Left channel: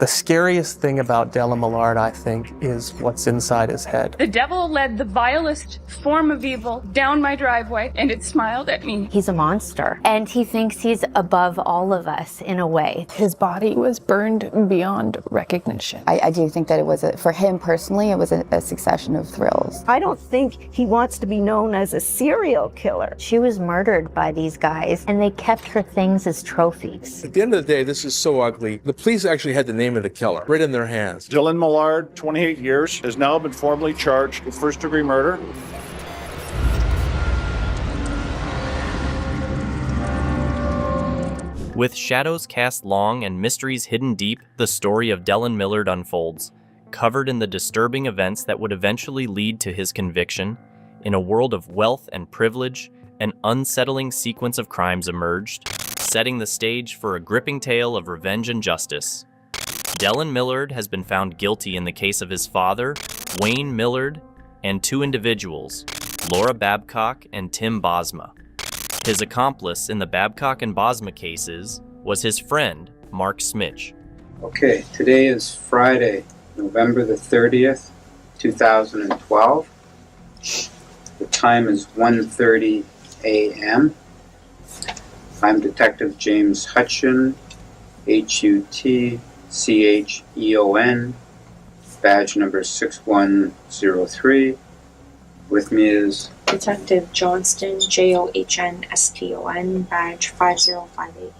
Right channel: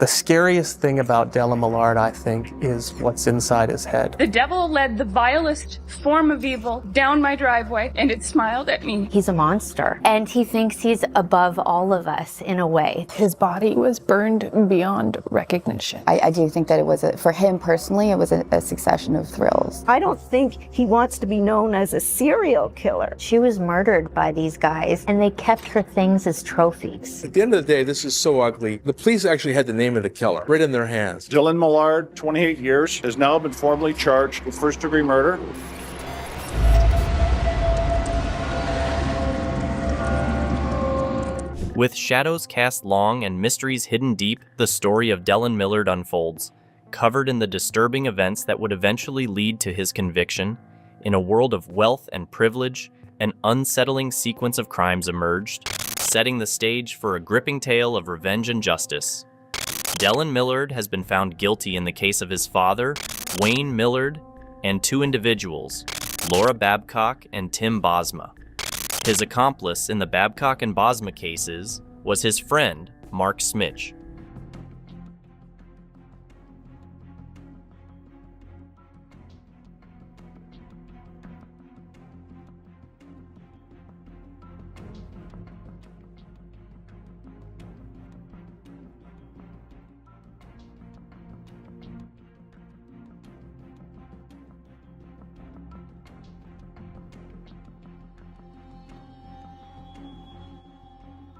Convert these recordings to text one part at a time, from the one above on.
The scariest thing about Della Millard, I think, is what's inside his head. The devil led the vilest form of evil down my driveway, and it smiled at me. He's a monster, and he thinks he's above all of us in a way. His body was burned beyond recognition. I do think that it was, for him personally, it was a succession of thrills. I don't think he wants to be known as a serial killer. She was murdered by these guys, and they kept her things as trophies. At the end of the day, this is so ugly. The police actually had the name of the killer right in their hands. Dylan Millard, 28 years, has now been formally charged with first-degree murder. With shadows cast long and mysteries hidden deep, the story of Dylan Millard unfolds, covered in the disturbing events that would eventually lead to his conviction. In a world of wealth and privilege, an unsettling sequence of crimes emerged, setting the stage for a gripping tale of revenge and justice. Dylan Millard has been found guilty in the case of his father, Wayne Millard, and two individuals, Laura Babcock and Tim Bosma. His accomplice in the Babcock and Bosma cases was his friend, Mark Smitch. Okay, today is Friday, November the 30th, 2012. The time is 1:30 a.m. I'm Detective James Hutcheon, Hutcheon, badge number 6103. With me is Detective Johnston, Johnston, badge 5058.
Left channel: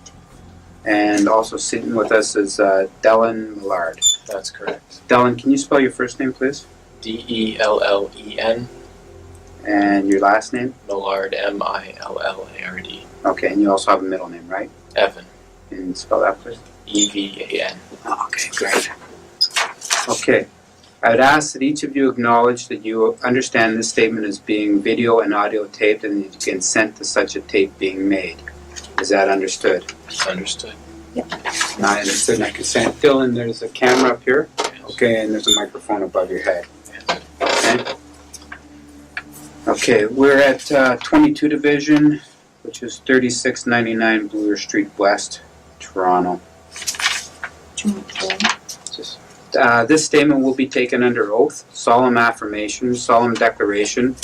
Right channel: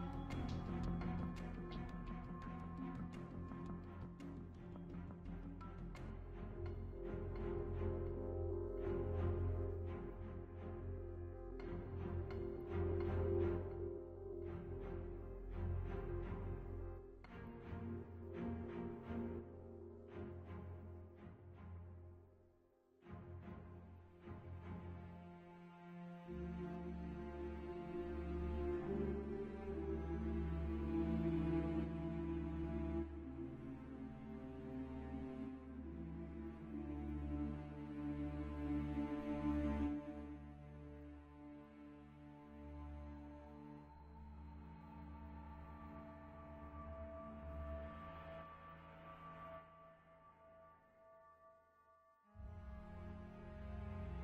And also sitting with us is Dylan Millard. That's correct. Dylan, can you spell your first name, please? Dellen. And your last name? Millard, Millard. Okay, and you also have a middle name, right? Evan. And spell that, please. Evan. Oh, okay, great. Okay, I would ask that each of you acknowledge that you understand this statement as being video and audio taped and that you consent to such a tape being made. Is that understood? Understood. Yep. Now I understood and I consent. Dylan, there's a camera up here. Yes. Okay, and there's a microphone above your head. Okay. Okay, we're at 22 Division, which is 3699 Bloor Street West, Toronto. This statement will be taken under oath, solemn affirmation, solemn declaration,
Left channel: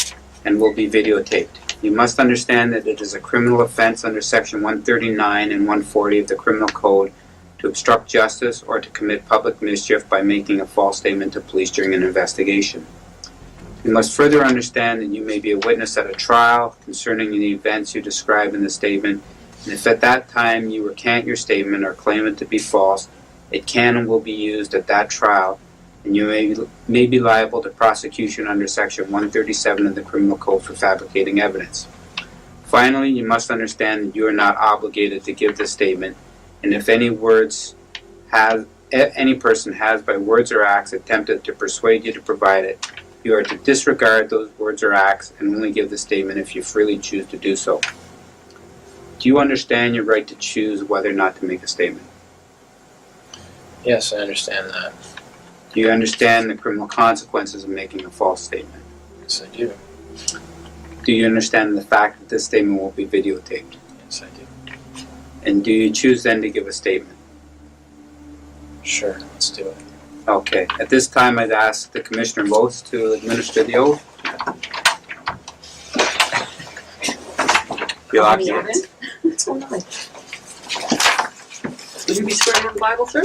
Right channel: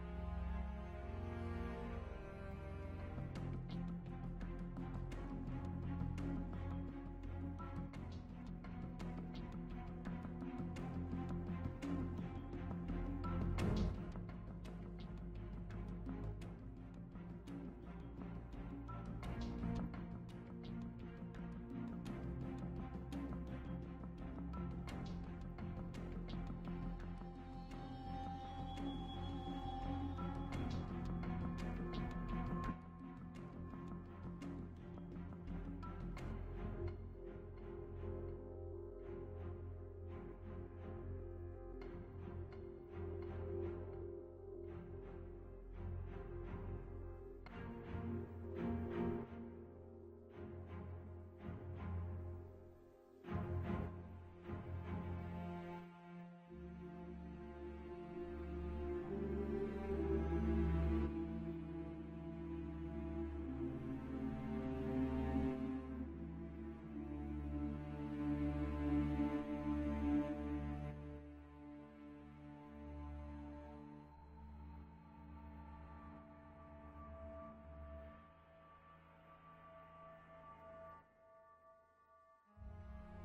and will be videotaped. You must understand that it is a criminal offense under Section 139 and 140 of the Criminal Code to obstruct justice or to commit public mischief by making a false statement to police during an investigation. You must further understand that you may be a witness at a trial concerning the events you describe in the statement, and if at that time you recant your statement or claim it to be false, it can and will be used at that trial, and you may be liable to prosecution under Section 137 of the Criminal Code for fabricating evidence. Finally, you must understand that you are not obligated to give this statement, and if any person has by words or acts attempted to persuade you to provide it, you are to disregard those words or acts and only give the statement if you freely choose to do so. Do you understand your right to choose whether or not to make a statement? Yes, I understand that. Do you understand the criminal consequences of making a false statement? Yes, I do. Do you understand the fact that this statement will be videotaped? Yes, I do. And do you choose then to give a statement? Sure, let's do it. Okay. At this time, I'd ask the Commissioner of Oaths to administer the oath. You're lucky. What's going on? Will you be swearing on the Bible, sir?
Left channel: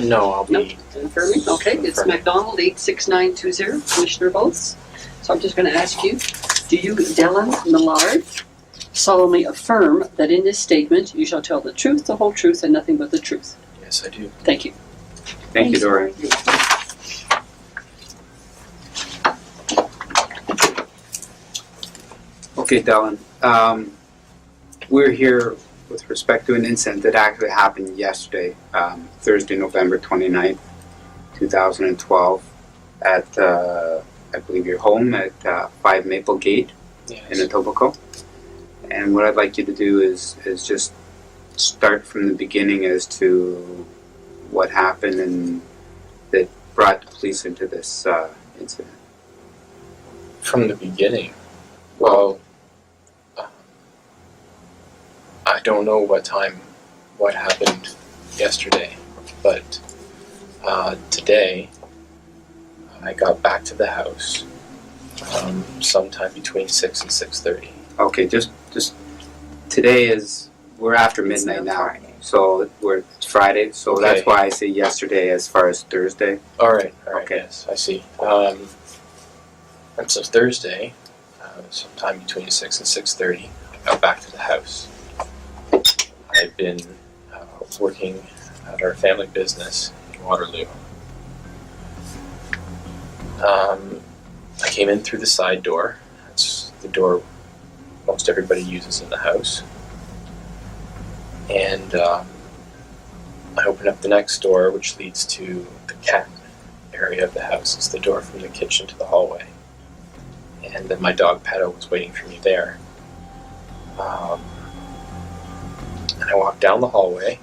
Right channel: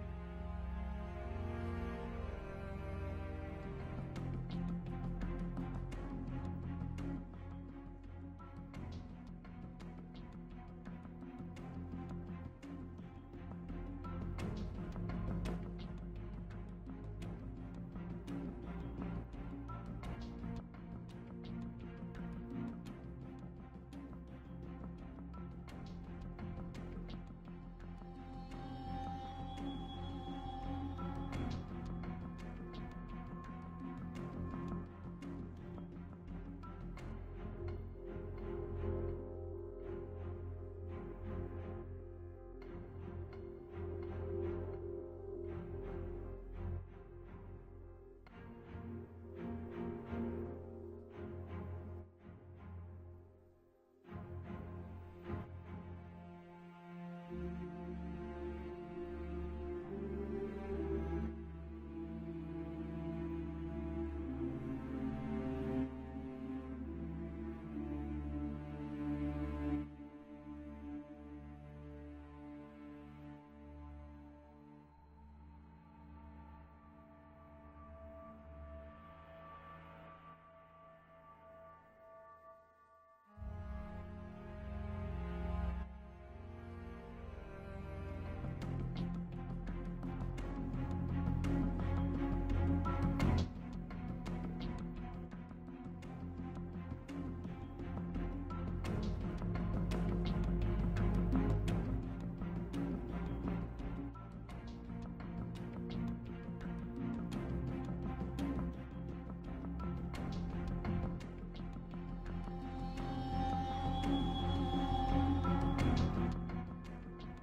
No, I'll be... No, confirming. Okay, it's McDonald 86920, Commissioner of Oaths. So I'm just going to ask you, do you, Dylan Millard, solemnly affirm that in this statement you shall tell the truth, the whole truth, and nothing but the truth? Yes, I do. Thank you. Thank you, Dory. Okay, Dylan. We're here with respect to an incident that actually happened yesterday, Thursday, November 29th, 2012, at, I believe, your home at 5 Maple Gate in Etobicoke. And what I'd like you to do is just start from the beginning as to what happened and that brought the police into this incident. From the beginning? Well, I don't know what happened yesterday, but Today, I got back to the house sometime between 6 and 6:30. Okay, just today is, we're after midnight now. So it's Friday, so Okay. that's why I say yesterday as far as Thursday. All right, Okay. yes, I see. And so Thursday, sometime between 6 and 6:30, I got back to the house. I've been working at our family business in Waterloo. I came in through the side door. That's the door most everybody uses in the house. And I opened up the next door, which leads to the cat area of the house. It's the door from the kitchen to the hallway. And then my dog Pedo was waiting for me there. And I walked down the hallway,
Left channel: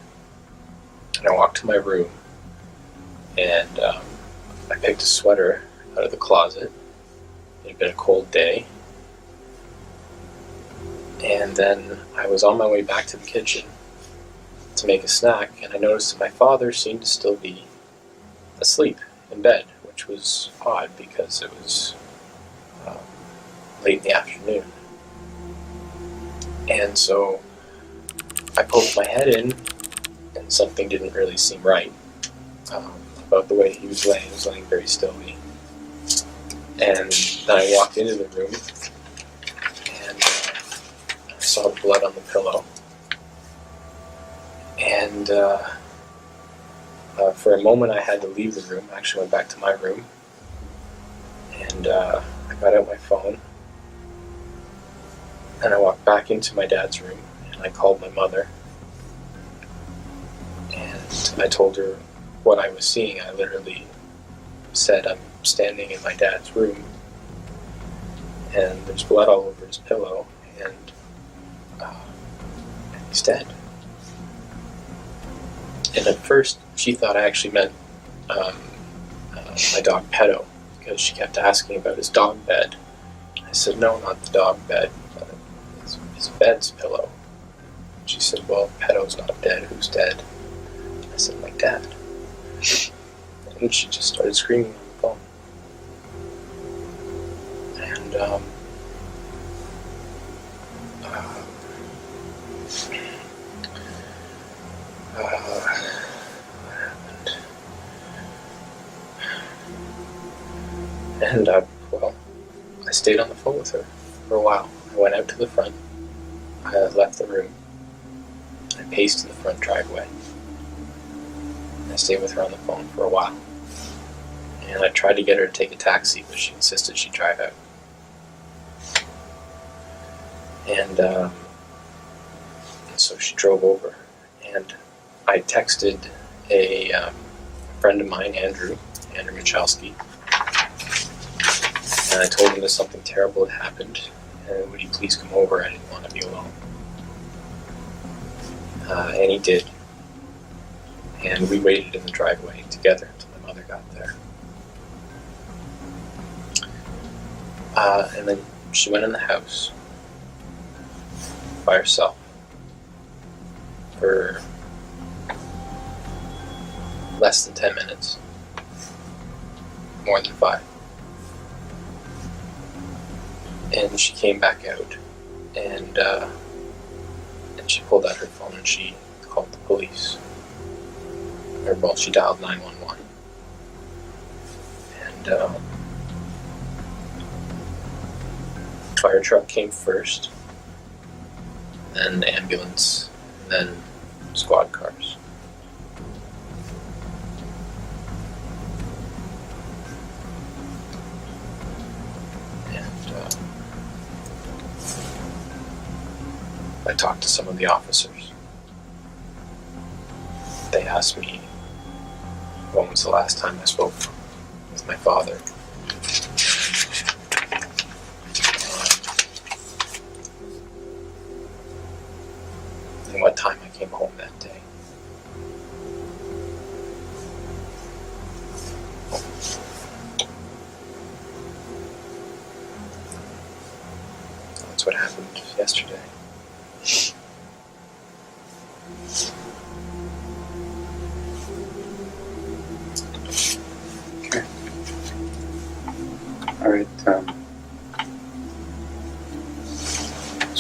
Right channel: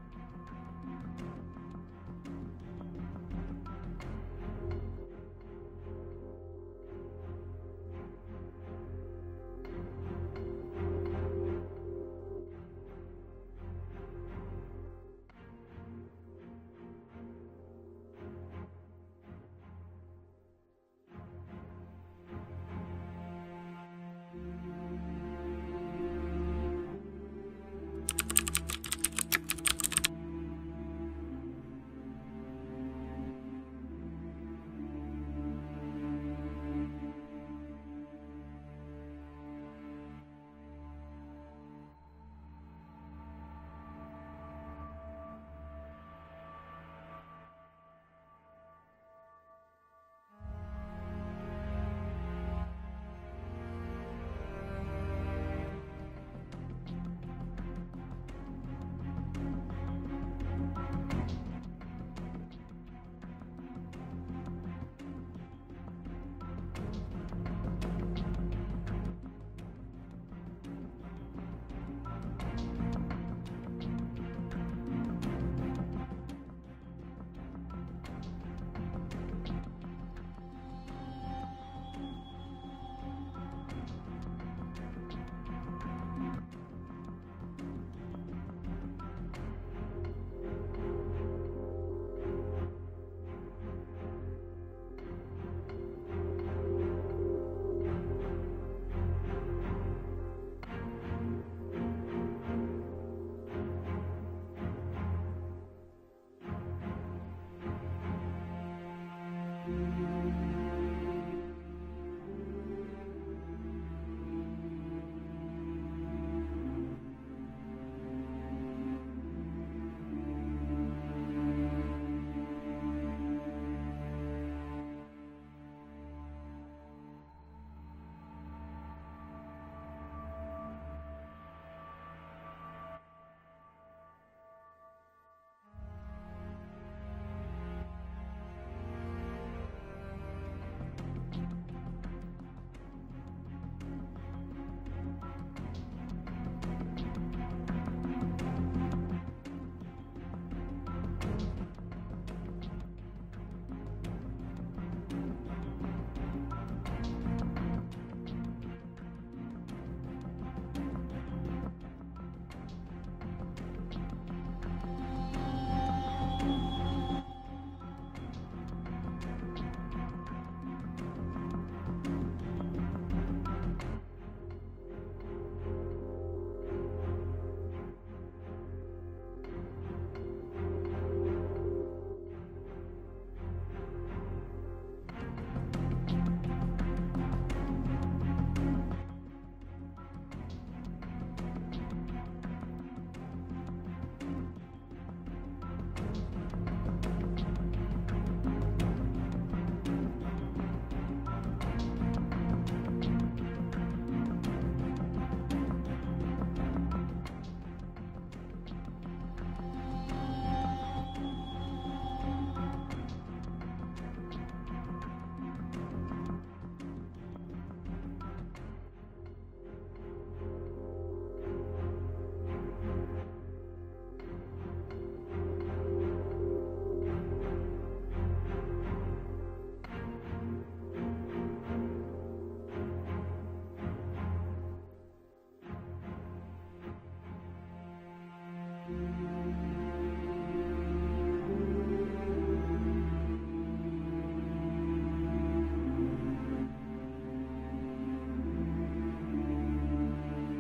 and I walked to my room, and I picked a sweater out of the closet. It had been a cold day. And then I was on my way back to the kitchen to make a snack, and I noticed that my father seemed to still be asleep in bed, which was odd because it was late in the afternoon. And so I poked my head in, and something didn't really seem right about the way he was laying. He was laying very stilly. And then I walked into the room, and I saw the blood on the pillow. And for a moment I had to leave the room. I actually went back to my room, and I got out my phone, and I walked back into my dad's room, and I called my mother, and I told her what I was seeing. I literally said, I'm standing in my dad's room, and there's blood all over his pillow, and he's dead. And at first, she thought I actually meant my dog Pedo, because she kept asking about his dog bed. I said, no, not the dog bed, his bed's pillow. She said, well, Pedo's not dead. Who's dead? I said, my dad. And she just started screaming on the phone. And what happened? And well, I stayed on the phone with her for a while. I went out to the front. I left the room. I paced to the front driveway. I stayed with her on the phone for a while. And I tried to get her to take a taxi, but she insisted she drive out. And so she drove over. And I texted a friend of mine, Andrew Michalski, and I told him that something terrible had happened, and would he please come over? I didn't want to be alone. And he did. And we waited in the driveway together until my mother got there. And then she went in the house by herself for less than 10 minutes. More than 5. And she came back out, and she pulled out her phone and she called the police. Or, well, she dialed 911. And fire truck came first, then ambulance, then squad cars. I talked to some of the officers. They asked me when was the last time I spoke with my father. And what time I came home that day. That's what happened yesterday.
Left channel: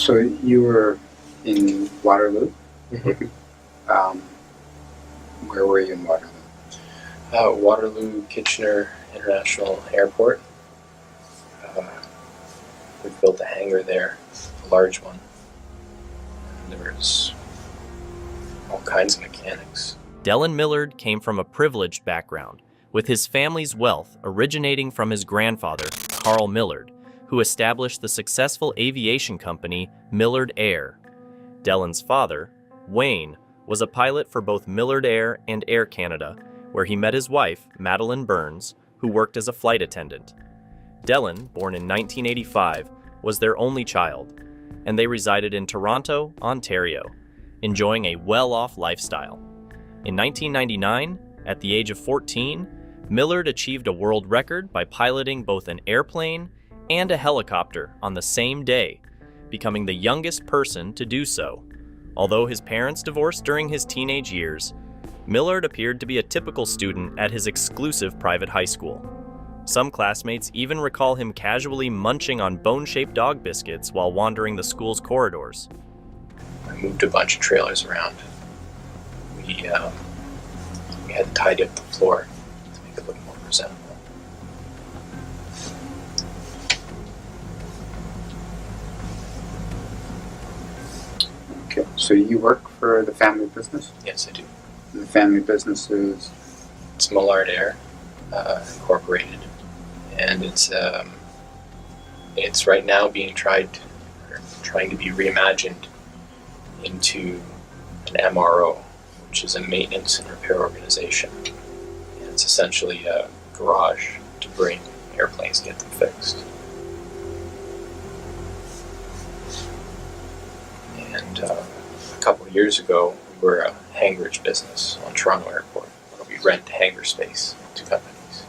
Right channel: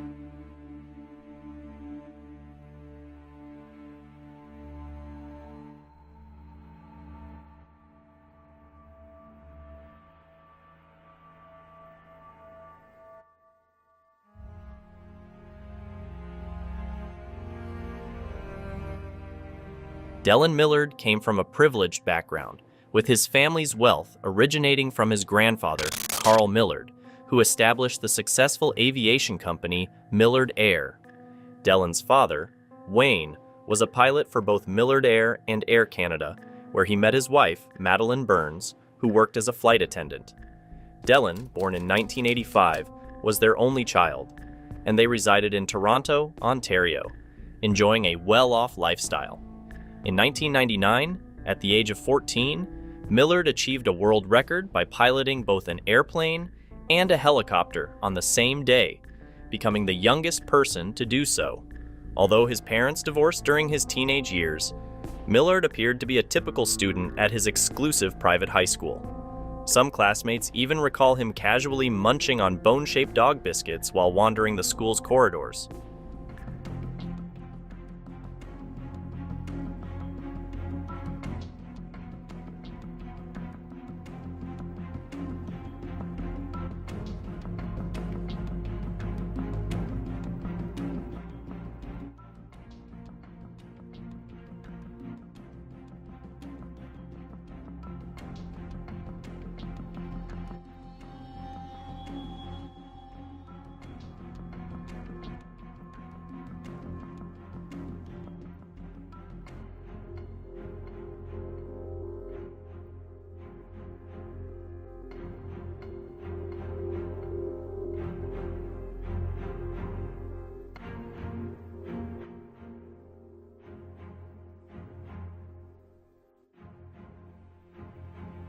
So you were in Waterloo? Where were you in Waterloo? Waterloo Kitchener International Airport. We built a hangar there, a large one. There was all kinds of mechanics. Dellen Millard came from a privileged background, with his family's wealth originating from his grandfather, Carl Millard, who established the successful aviation company Millard Air. Dellen's father, Wayne, was a pilot for both Millard Air and Air Canada, where he met his wife, Madeline Burns, who worked as a flight attendant. Dellen, born in 1985, was their only child, and they resided in Toronto, Ontario, enjoying a well-off lifestyle. In 1999, at the age of 14, Millard achieved a world record by piloting both an airplane and a helicopter on the same day, becoming the youngest person to do so. Although his parents divorced during his teenage years, Millard appeared to be a typical student at his exclusive private high school. Some classmates even recall him casually munching on bone-shaped dog biscuits while wandering the school's corridors. I moved a bunch of trailers around. We had to tidy up the floor to make it look more presentable. Okay, so you work for the family business? Yes, I do. The family business is? It's Millard Air, Incorporated, and it's right now being trying to be reimagined into an MRO, which is a maintenance and repair organization. And it's essentially a garage to bring airplanes and get them fixed. And a couple of years ago, we were a hangarage business on Toronto Airport, where we rent hangar space to companies.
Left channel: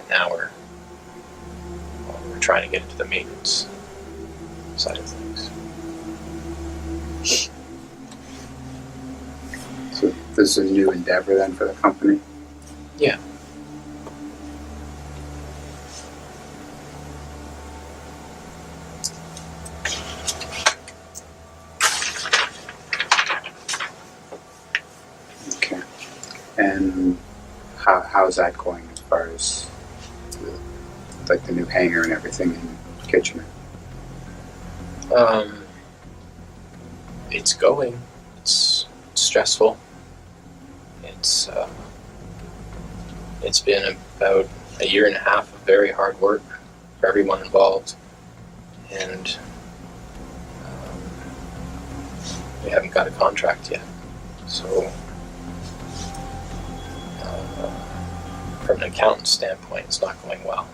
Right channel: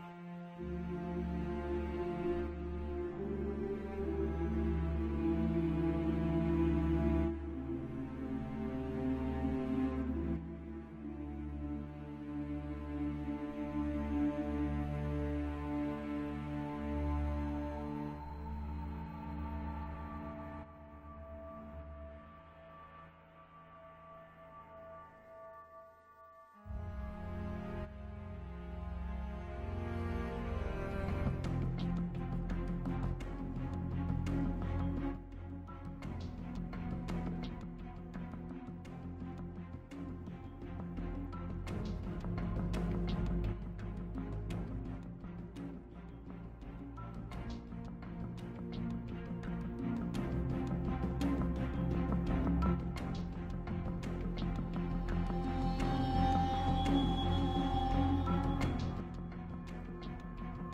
And now we're trying to get into the maintenance side of things. So this is a new endeavor then for the company? Yeah. Okay. And how's that going as far as like the new hangar and everything in Kitchener? It's going. It's stressful. It's been about a year and a half of very hard work for everyone involved, and we haven't got a contract yet. So, from an accountant's standpoint, it's not going well.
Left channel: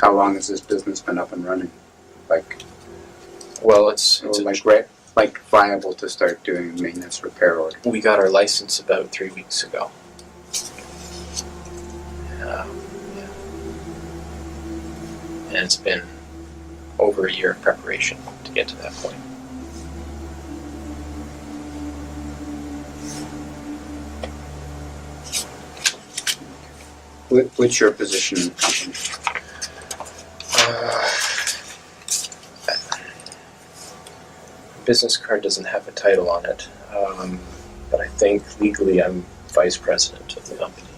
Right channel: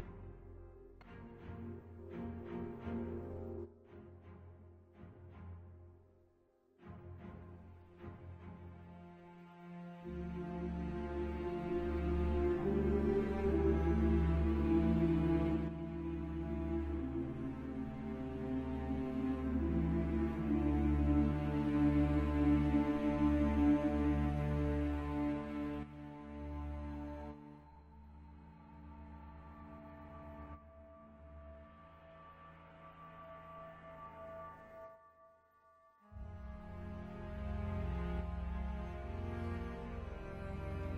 How long has this business been up and running? Well, it's viable to start doing maintenance repair order. We got our license about 3 weeks ago. And it's been over a year of preparation to get to that point. What's your position in the company? Business card doesn't have a title on it, but I think legally I'm vice president of the company.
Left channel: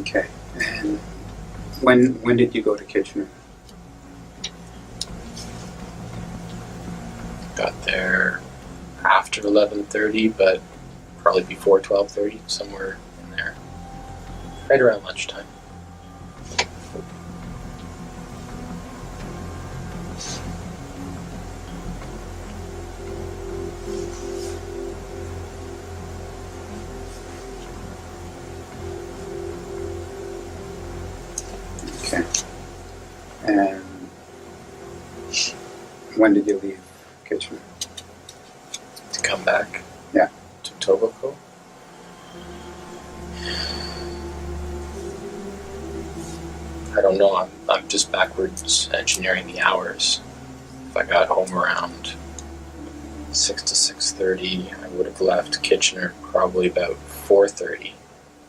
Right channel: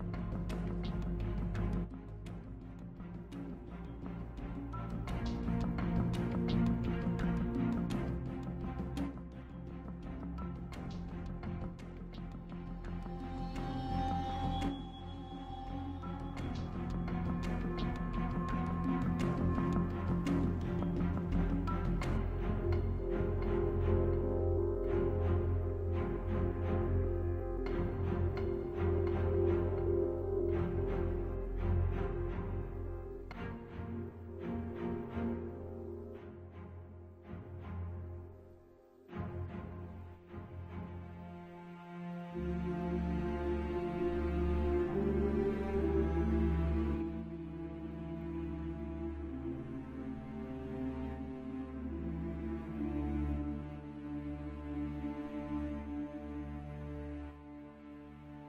Okay. And when did you go to Kitchener? Got there after 11:30, but probably before 12:30, somewhere in there, right around lunchtime. Okay. And when did you leave Kitchener? To come back? Yeah. To Etobicoke? I don't know. I'm just backwards engineering the hours. If I got home around 6 to 6:30, I would have left Kitchener probably about 4:30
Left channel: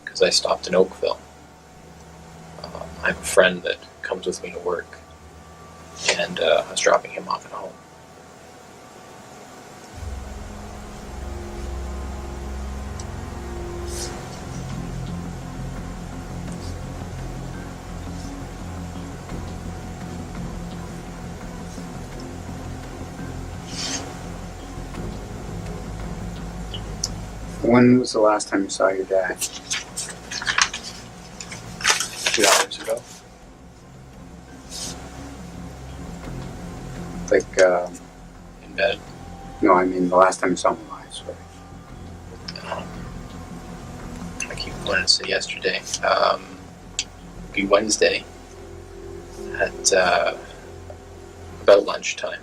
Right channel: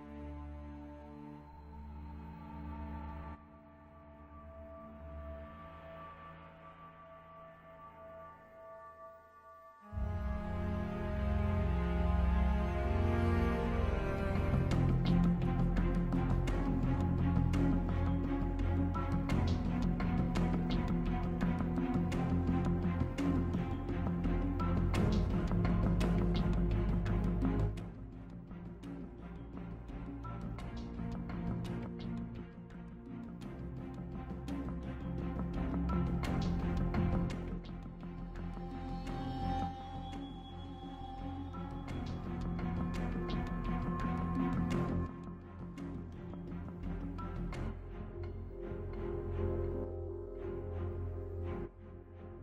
because I stopped in Oakville. I have a friend that comes with me to work, and I was dropping him off at home. When was the last time you saw your dad? 2 hours ago. Like, In bed. no, I mean the last time you saw him alive, sorry. I keep wanting to say yesterday. It'd be Wednesday at about lunchtime.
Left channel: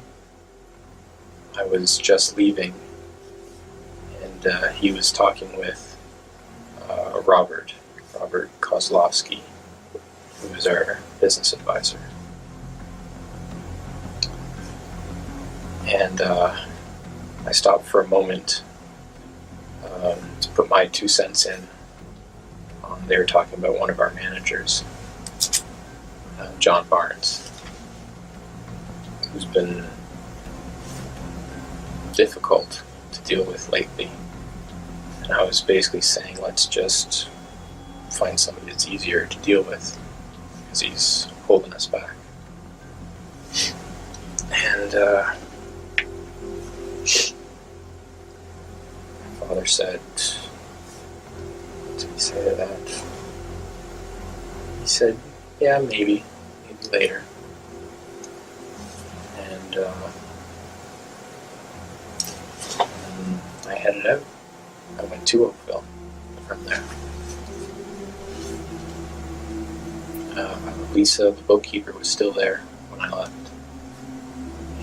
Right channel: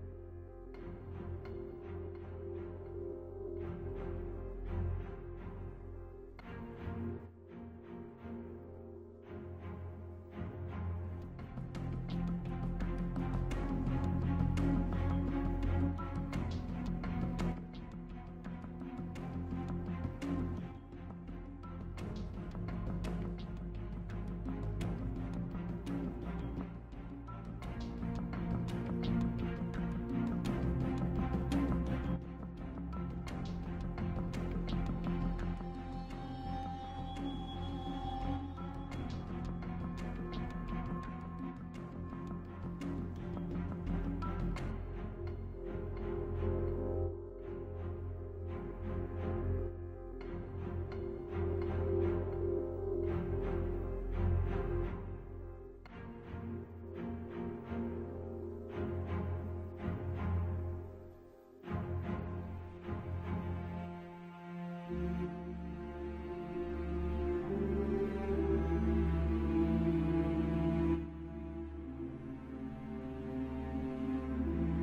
I was just leaving, and he was talking with Robert Kozlowski, who was our business advisor. And I stopped for a moment to put my 2 cents in. They were talking about one of our managers, John Barnes, who's been difficult to deal with lately. And I was basically saying, let's just find somebody that's easier to deal with, because he's holding us back. And my father said, what did he say to that? He said, yeah, maybe later. And I headed out. I went to Oakville from there. Lisa, the bookkeeper, was still there when I left.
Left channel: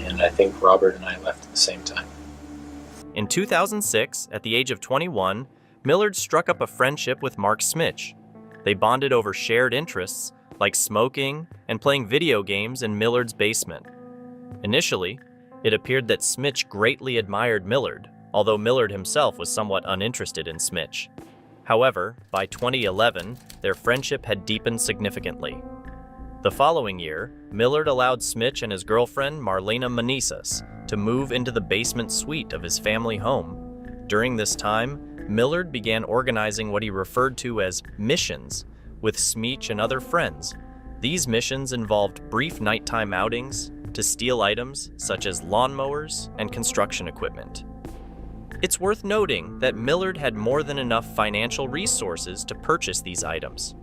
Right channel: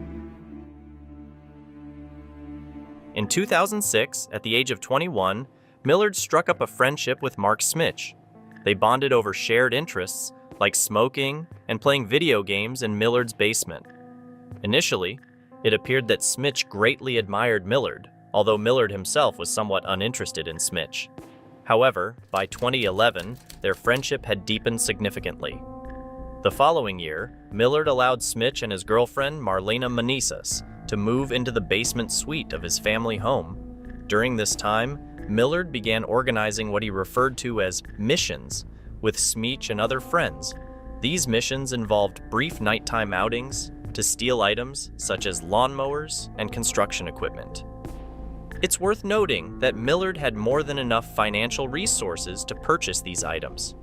And I think Robert and I left at the same time. In 2006, at the age of 21, Millard struck up a friendship with Mark Smitch. They bonded over shared interests, like smoking and playing video games in Millard's basement. Initially, it appeared that Smitch greatly admired Millard, although Millard himself was somewhat uninterested in Smitch. However, by 2011, their friendship had deepened significantly. The following year, Millard allowed Smitch and his girlfriend, Marlena Manisas, to move into the basement suite of his family home. During this time, Millard began organizing what he referred to as missions with Smitch and other friends. These missions involved brief nighttime outings to steal items such as lawnmowers and construction equipment. It's worth noting that Millard had more than enough financial resources to purchase these items.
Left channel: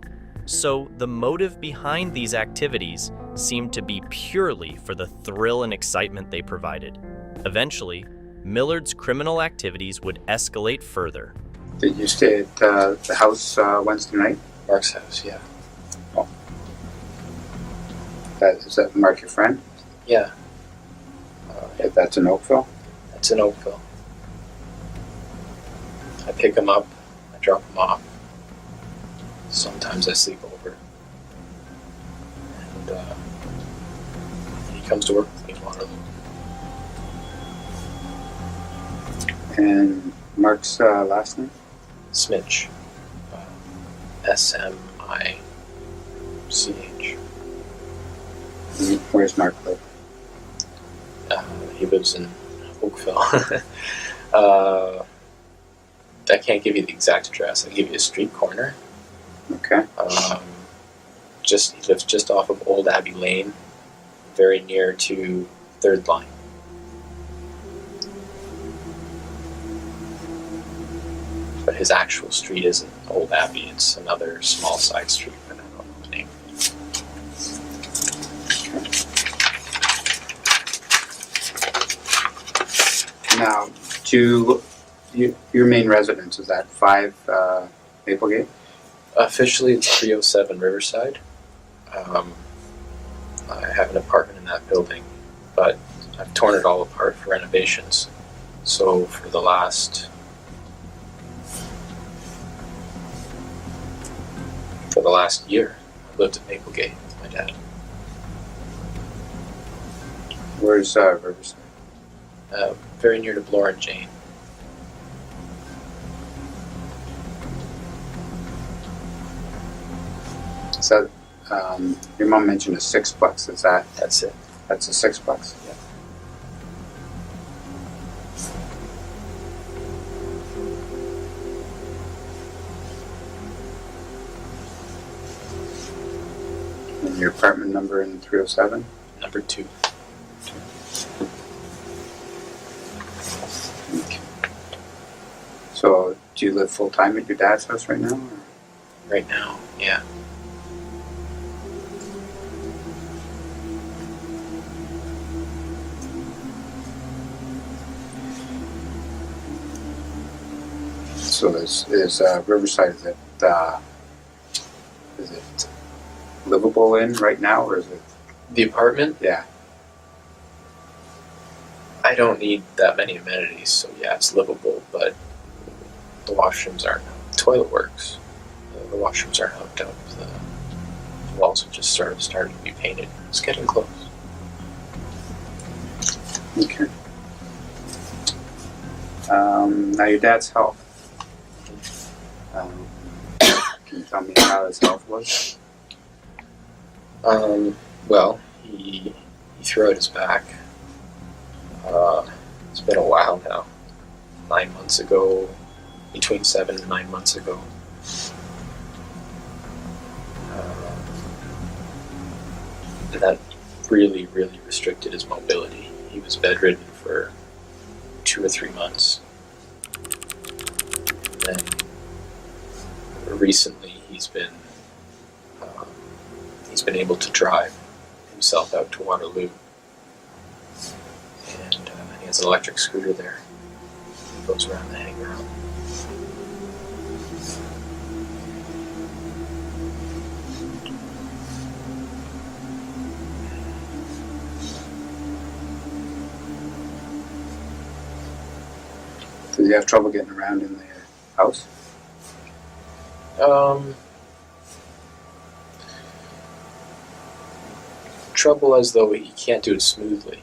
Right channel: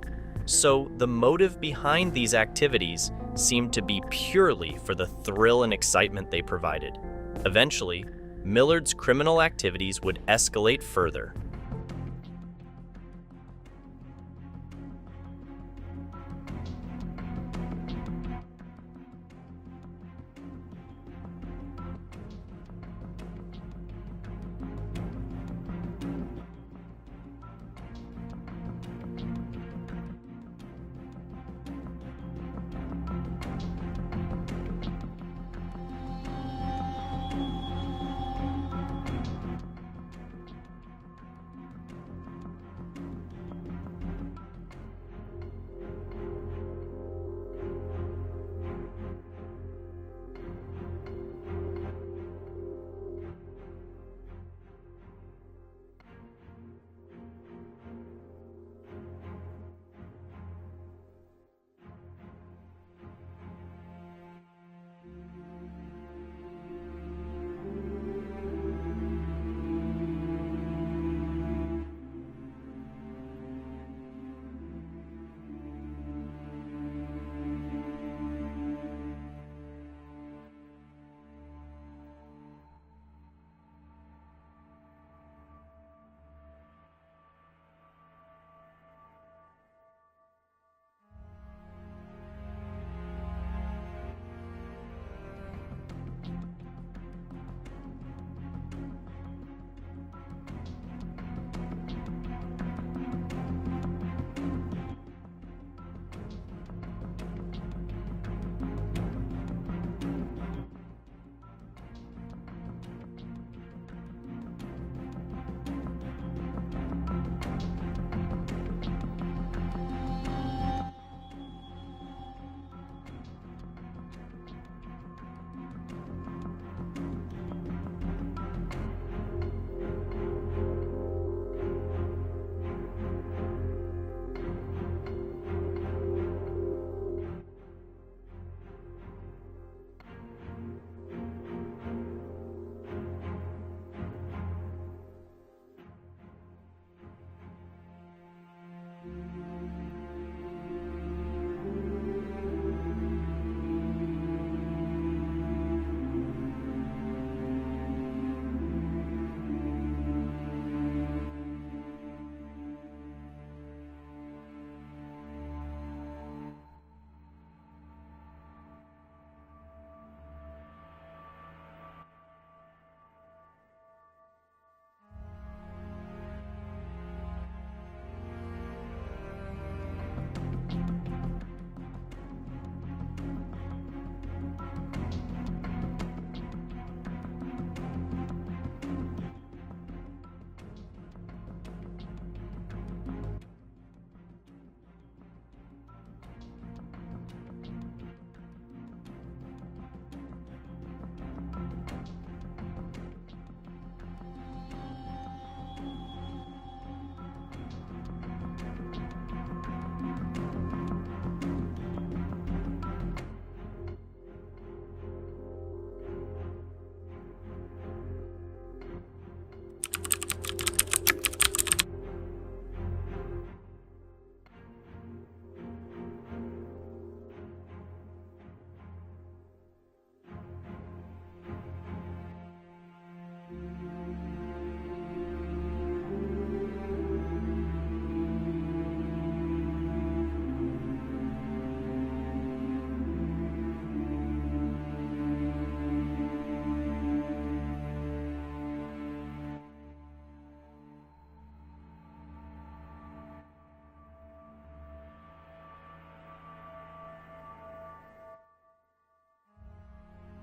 So the motive behind these activities seemed to be purely for the thrill and excitement they provided. Eventually, Millard's criminal activities would escalate further. Did you stay at the house Wednesday night? Mark's house, yeah. Oh. Is that Mark your friend? Yeah. That's in Oakville? That's in Oakville. I pick him up, I drop him off. Sometimes I sleep over. And he comes to work with me in Waterloo. And Mark's last name? Smitch. Smich. Where's Mark live? He lives in Oakville. I can't give you the exact address. I'll give you a street corner. Okay. He lives just off of Old Abbey Lane, very near to 3rd Line. But his actual street isn't Old Abbey, it's another small side street, but I don't know the name. Now, your main residence, is that 5 Maplegate? Officially, it's 307 Riverside. I have an apartment in that building, but I've torn it all apart for renovations. So for the last year, lived at Maplegate with my dad. Where's Riverside? Very near to Laura and Jane. So, your mom mentioned a sixplex. Is that? That's it. That's a sixplex. Yeah. And your apartment number in 307? Number 2. Okay. So, do you live full time at your dad's house right now? Or? Right now, yeah. So is Riverside, is it livable in right now, or is it? The apartment? Yeah. I don't need that many amenities, so yeah, it's livable, but the washrooms aren't. The toilet works. The washrooms aren't hooked up. The walls have just started to be painted. It's getting close. Okay. Now your dad's health. Can you tell me how his health was? Well, he threw out his back. It's been a while now. 9 months ago, between 7 and 9 months ago. And that really, really restricted his mobility. He was bedridden for 2 or 3 months. And recently he's been able to drive himself out to Waterloo. And he has an electric scooter there. He goes around the hangar. Does he have trouble getting around in the house? Trouble as though he can't do it smoothly.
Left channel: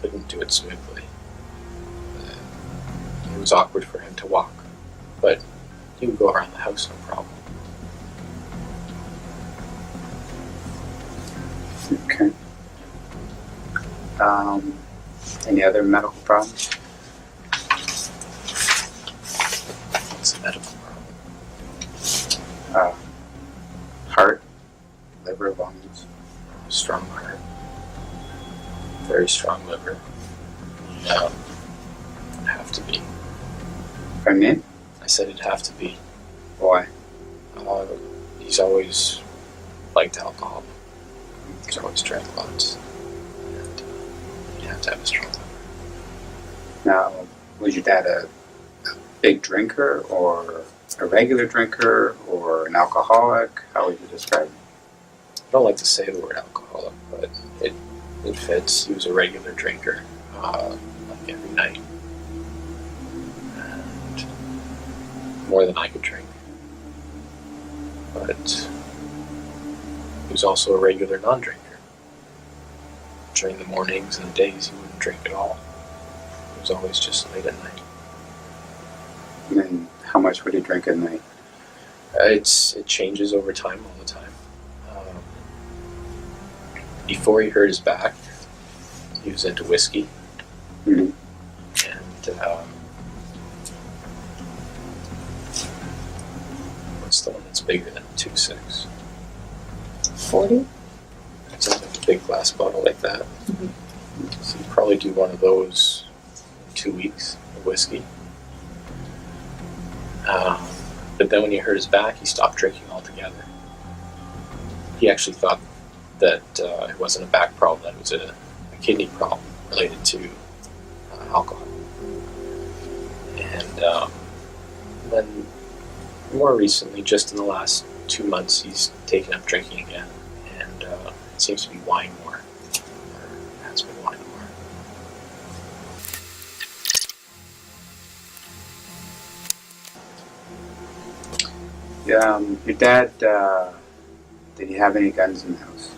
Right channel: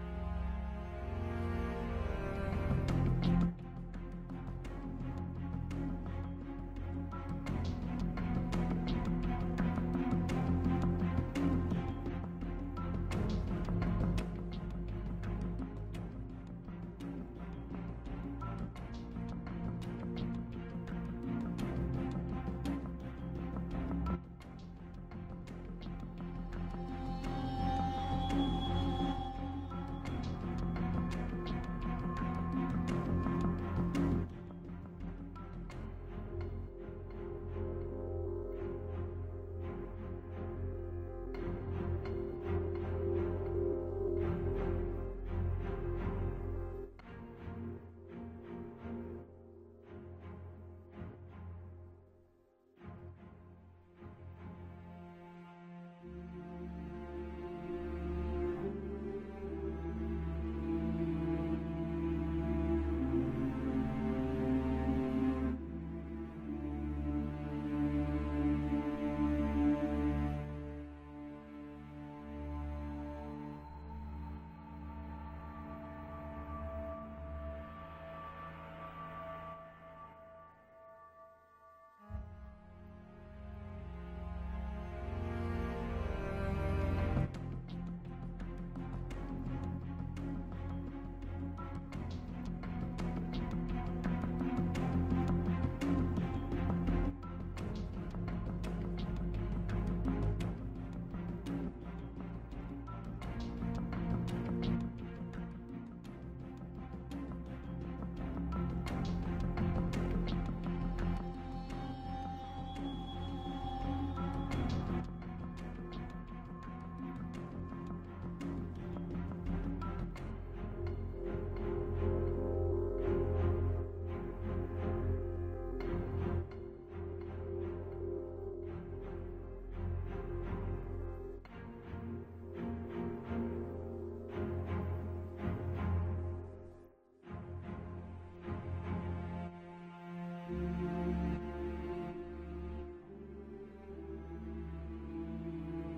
Couldn't do it smoothly. It was awkward for him to walk, but he would go around the house no problem. Okay. Any other medical problems? It's a medical problem. Heart, liver, lungs. Strong heart. Very strong liver. Have to be. Pardon me? I said it'd have to be. Why? He's always liked alcohol. He's always drank lots. And you have to have a strong liver. Now, was your dad a big drinker, or a regular drinker, or an alcoholic? How would you describe it? I don't like to say the word alcoholic, but it fits. He was a regular drinker, like every night. And more than I could drink. But he was also a regular non-drinker. During the mornings and the days, he wouldn't drink at all. It was always just late at night. And how much would he drink at night? It changes over time, all the time. Before he hurt his back, he was into whiskey. Mm-hmm. And what's the one that's bigger than a 2.6? 40? It's like a big glass bottle like that. Mm-hmm. So you probably do one of those in 2 weeks of whiskey. But then when he hurt his back, he stopped drinking altogether. He actually thought that it wasn't a back problem, that it was a kidney problem related to alcohol. And then more recently, just in the last 2 months, he's taken up drinking again. And it seems to be wine more. Or has been wine more. Yeah, your dad Did he have any guns in the house?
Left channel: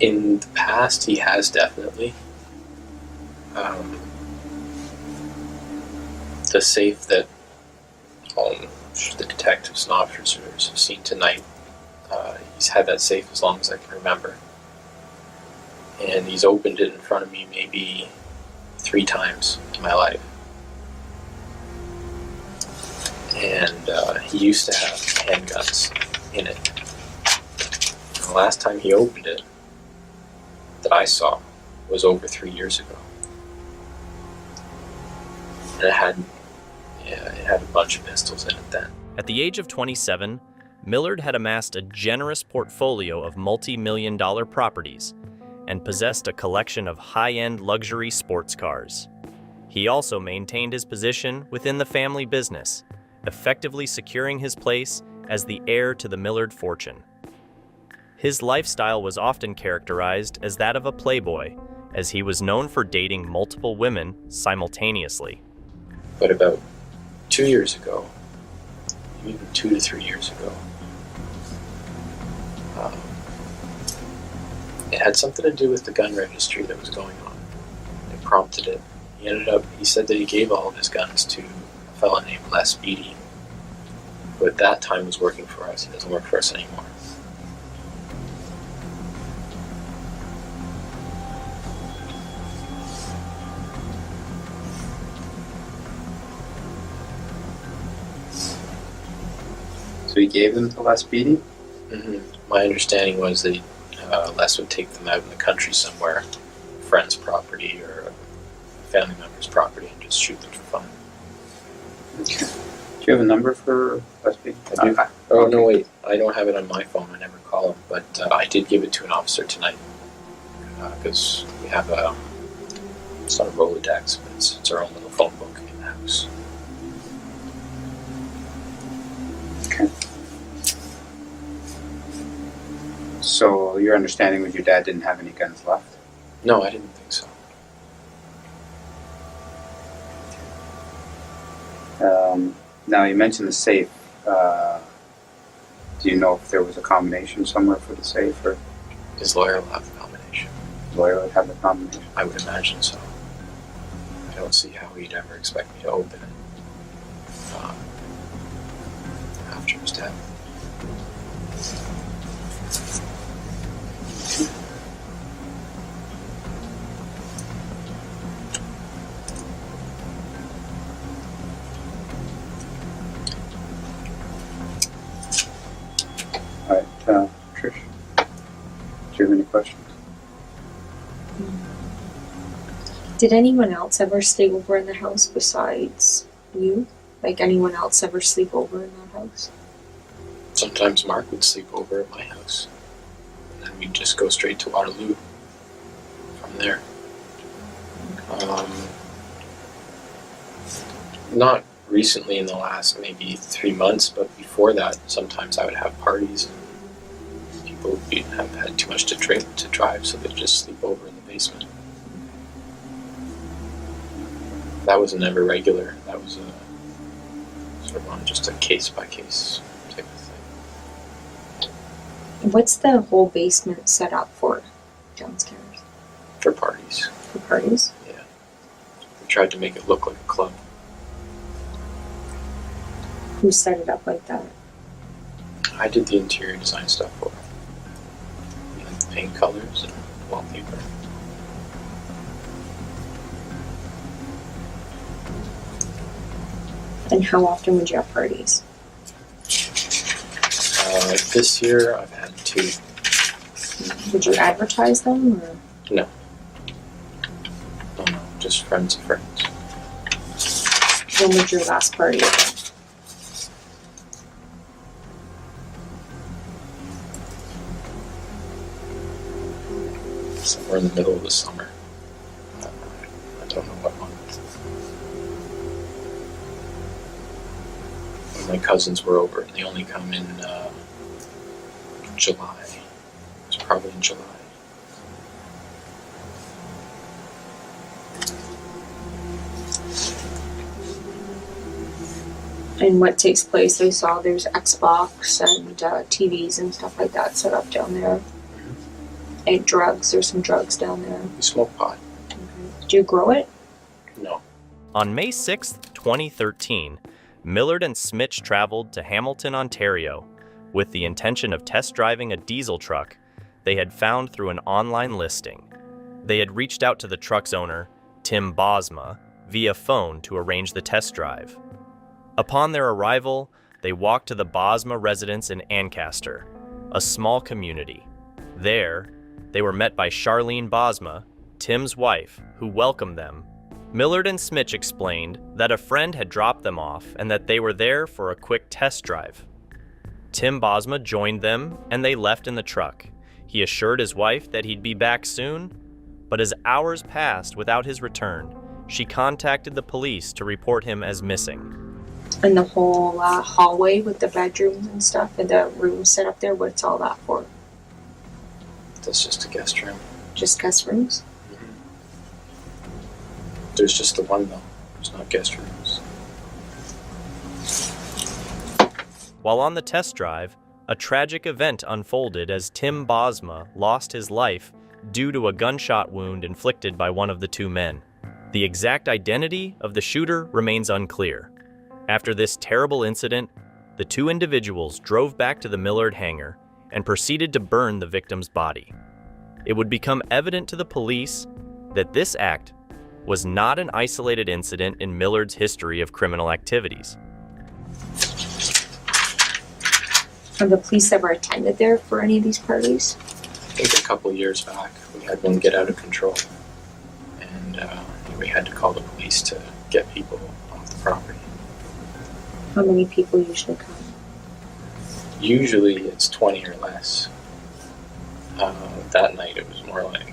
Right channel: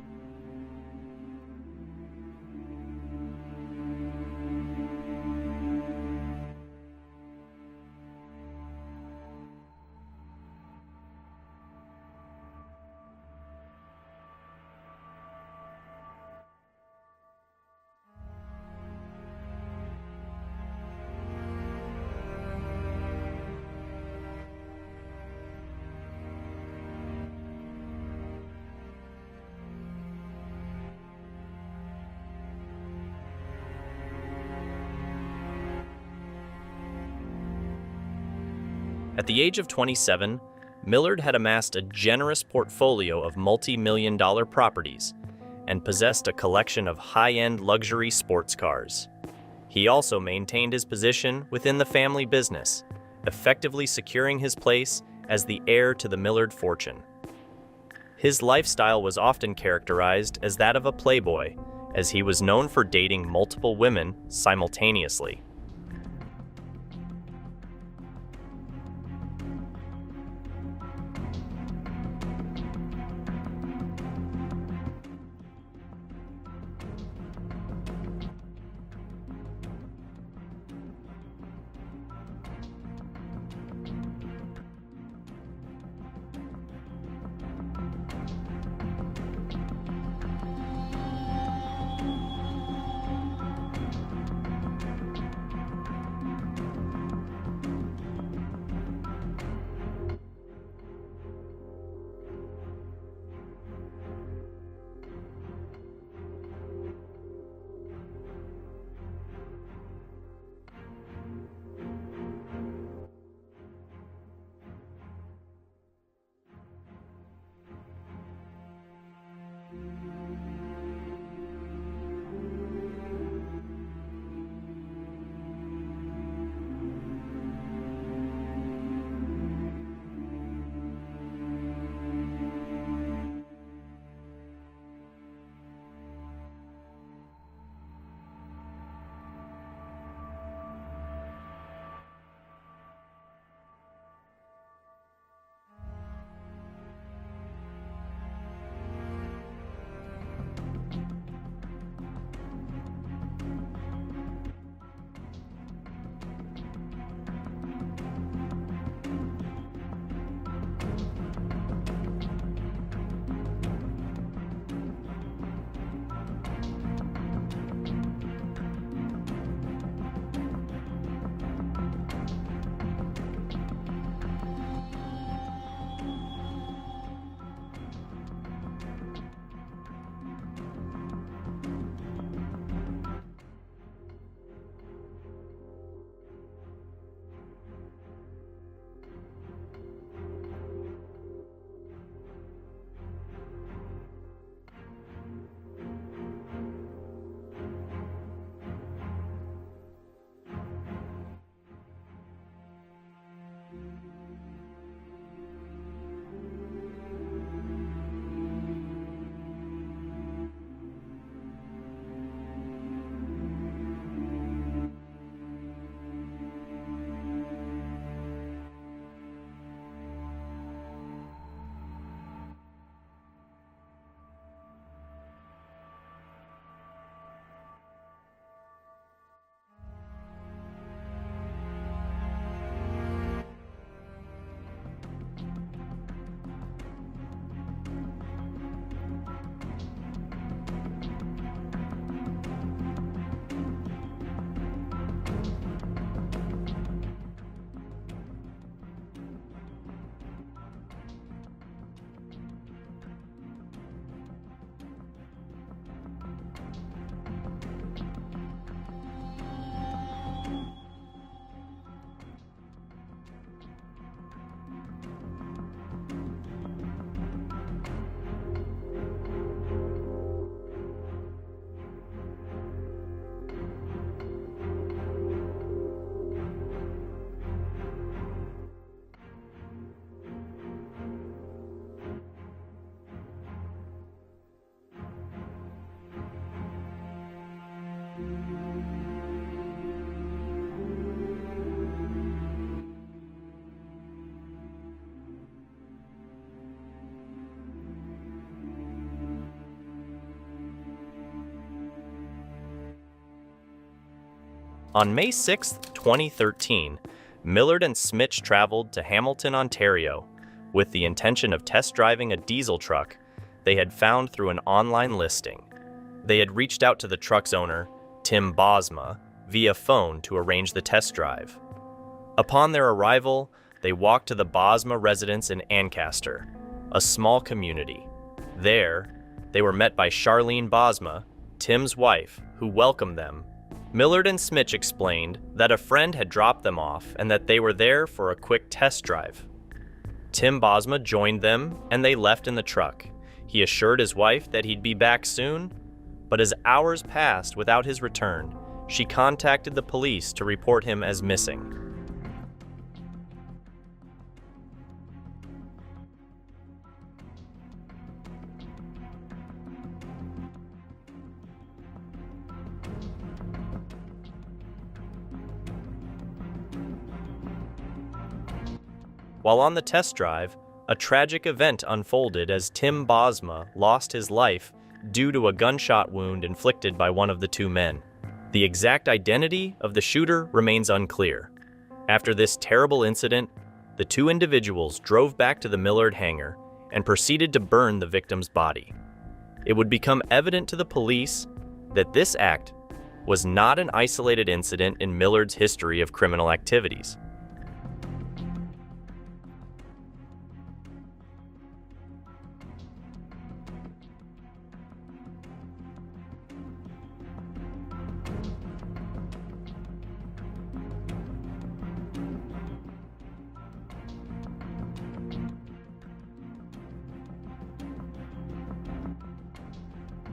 In the past, he has definitely. The safe that the detectives and officers have seen tonight, he's had that safe as long as I can remember. And he's opened it in front of me maybe 3 times in my life. And he used to have handguns in it. The last time he opened it that I saw was over 3 years ago. And it had a bunch of pistols in it then. At the age of 27, Millard had amassed a generous portfolio of multi-million-dollar properties and possessed a collection of high-end luxury sports cars. He also maintained his position within the family business, effectively securing his place as the heir to the Millard fortune. His lifestyle was often characterized as that of a playboy, as he was known for dating multiple women simultaneously. But about 2 years ago, maybe 2 to 3 years ago, it had something to do with the gun registry that was going on. It prompted it. He said that he gave all of his guns to a fellow named Les Beatty, who at that time was working for us. He doesn't work for us anymore. So he gave them to Les Beatty? Mm-hmm. My understanding was that Les would take them out in the country somewhere, a friend's property or a family member's property, and just shoot them for fun. Okay. Do you have a number for Les Beatty? Oh, no, wait. I don't have it on my phone. I never call him. But I did give it to an officer tonight. Because we have it's not a Rolodex, but it's our own little phone book in the house. Okay. So your understanding was your dad didn't have any guns left? No, I didn't think so. Now you mentioned the safe. Do you know if there was a combination somewhere for the safe, or his lawyer will have the combination? Lawyer would have the combination. I would imagine so. I don't see how he'd ever expect me to open it after his death. All right, Trish, do you have any questions? Did anyone else ever stay over in the house besides you? Like anyone else ever sleep over in that house? Sometimes Mark would sleep over at my house, and then we'd just go straight to Waterloo from there. Not recently in the last maybe 3 months, but before that, sometimes I would have parties. People would have had too much to drive, so they'd just sleep over in the basement. That was never regular. That was sort of on just a case-by-case type of thing. What's the whole basement set up for downstairs? For parties. For parties? Yeah. We tried to make it look like a club. Who set it up like that? I did the interior design stuff for it. Paint colors and wallpaper. And how often would you have parties? This year I've had 2. Would you advertise them, or? No. No, just friends of friends. When was your last party? Somewhere in the middle of the summer. I don't know what month. My cousins were over, and they only come in July. It was probably in July. And what takes place, I saw there's Xbox and TVs and stuff like that set up down there. And drugs, there's some drugs down there. We smoke pot. Do you grow it? No. On May 6, 2013, Millard and Smitch traveled to Hamilton, Ontario, with the intention of test driving a diesel truck they had found through an online listing. They had reached out to the truck's owner, Tim Bosma, via phone to arrange the test drive. Upon their arrival, they walked to the Bosma residence in Ancaster, a small community. There, they were met by Charlene Bosma, Tim's wife, who welcomed them. Millard and Smitch explained that a friend had dropped them off and that they were there for a quick test drive. Tim Bosma joined them and they left in the truck. He assured his wife that he'd be back soon, but as hours passed without his return, she contacted the police to report him as missing. And the whole hallway with the bedrooms and stuff and the room set up there, what's all that for? That's just a guest room. Just guest rooms? There's just the one, though. There's not guest rooms. While on the test drive, a tragic event unfolded as Tim Bosma lost his life due to a gunshot wound inflicted by one of the two men. The exact identity of the shooter remains unclear. After this terrible incident, the two individuals drove back to the Millard hangar and proceeded to burn the victim's body. It would become evident to the police that this act was not an isolated incident in Millard's history of criminal activities. Have the police ever attended there for any of these parties? I think a couple years back, we had one get out of control. And we had to call the police to get people off the property. How many people usually come? Usually it's 20 or less. That night it was more like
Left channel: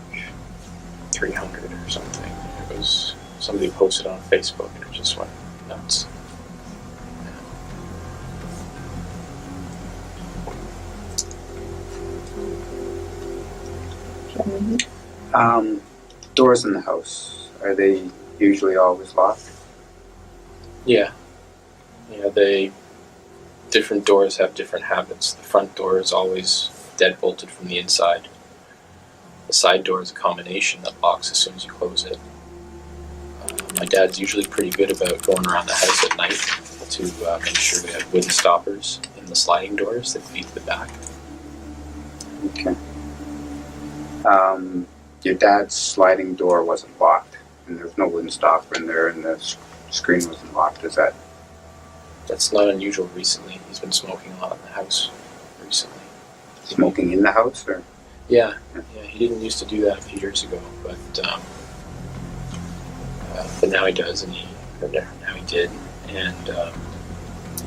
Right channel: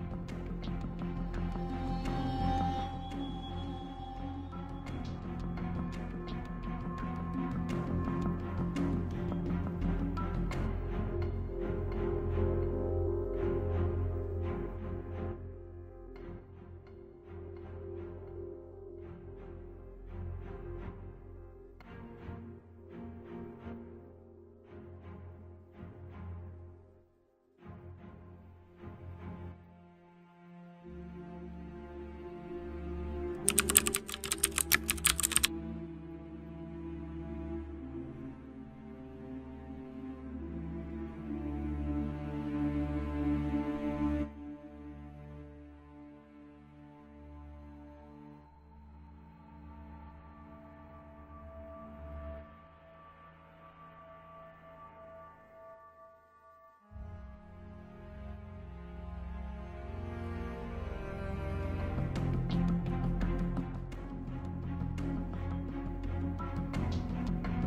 300 or something. It was somebody posted on Facebook and it just went nuts. Doors in the house, are they usually always locked? Yeah. Different doors have different habits. The front door is always deadbolted from the inside. The side door is a combination that locks as soon as you close it. My dad's usually pretty good about going around the house at night to make sure we have wooden stoppers in the sliding doors that lead to the back. Okay. Your dad's sliding door wasn't locked, and there's no wooden stopper in there, and the screen wasn't locked. Is that? That's not unusual recently. He's been smoking a lot in the house recently. Smoking in the house, or? Yeah, he didn't used to do that a few years ago, but now he does, now he did, and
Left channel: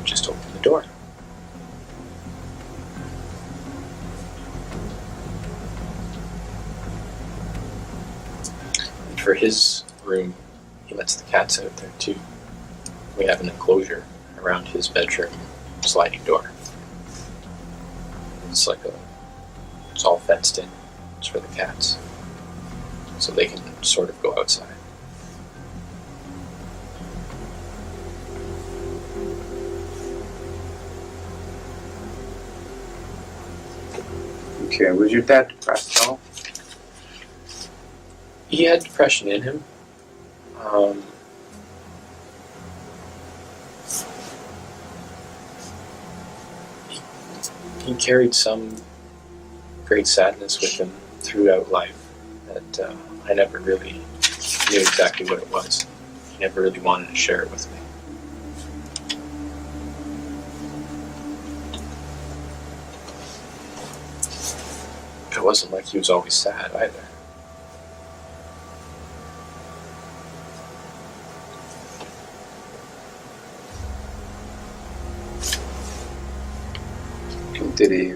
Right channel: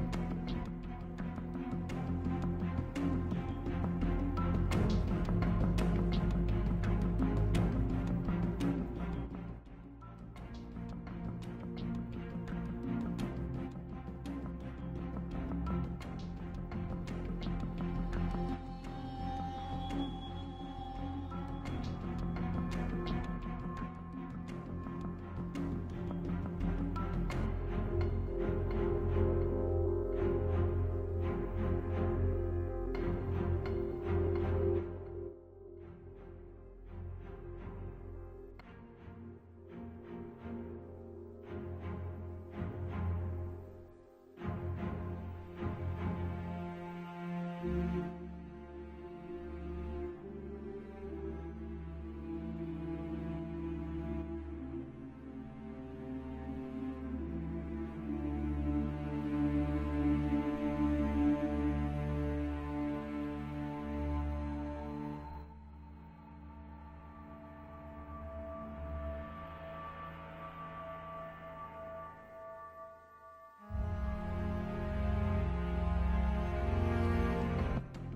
just opened the door. And for his room, he lets the cats out there too. We have an enclosure around his bedroom sliding door. It's all fenced in. It's for the cats, so they can sort of go outside. Okay, was your dad depressed at all? He had depression in him. He carried some great sadness with him throughout life that I never really knew exactly what it was. He never really wanted to share it with me. It wasn't like he was always sad either. Did he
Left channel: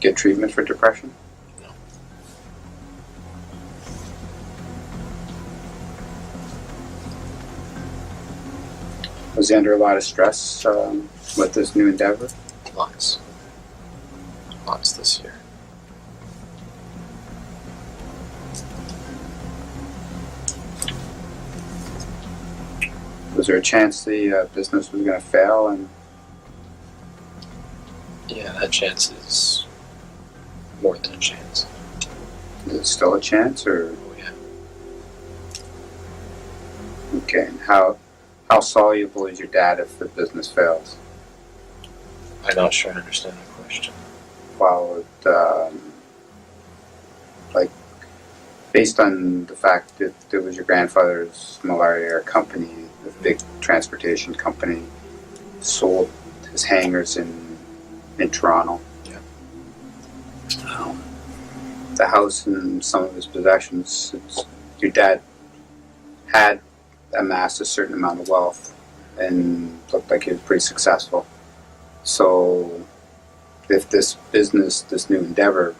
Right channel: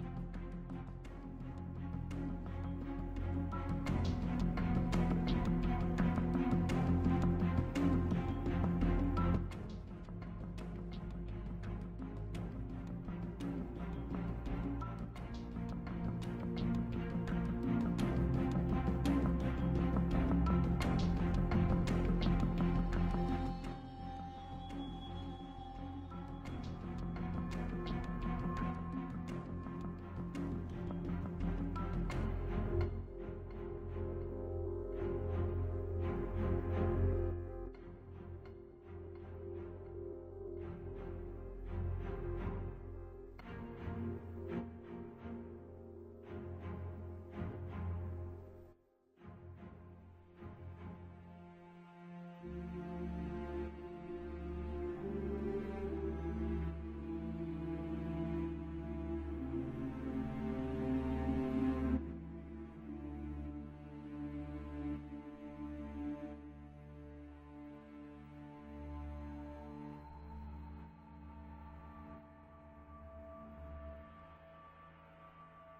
get treatment for depression? No. Was he under a lot of stress with this new endeavor? Lots this year. Was there a chance the business was going to fail and that chance is more than a chance. Is it still a chance, or? Oh, yeah. Okay, and how soluble is your dad if the business fails? I'm not sure I understand the question. Well, like, based on the fact that it was your grandfather's Millard company, the big transportation company, sold his hangars in Toronto. Yeah. The house and some of his possessions, your dad had amassed a certain amount of wealth and looked like he was pretty successful. So if this business, this new endeavor,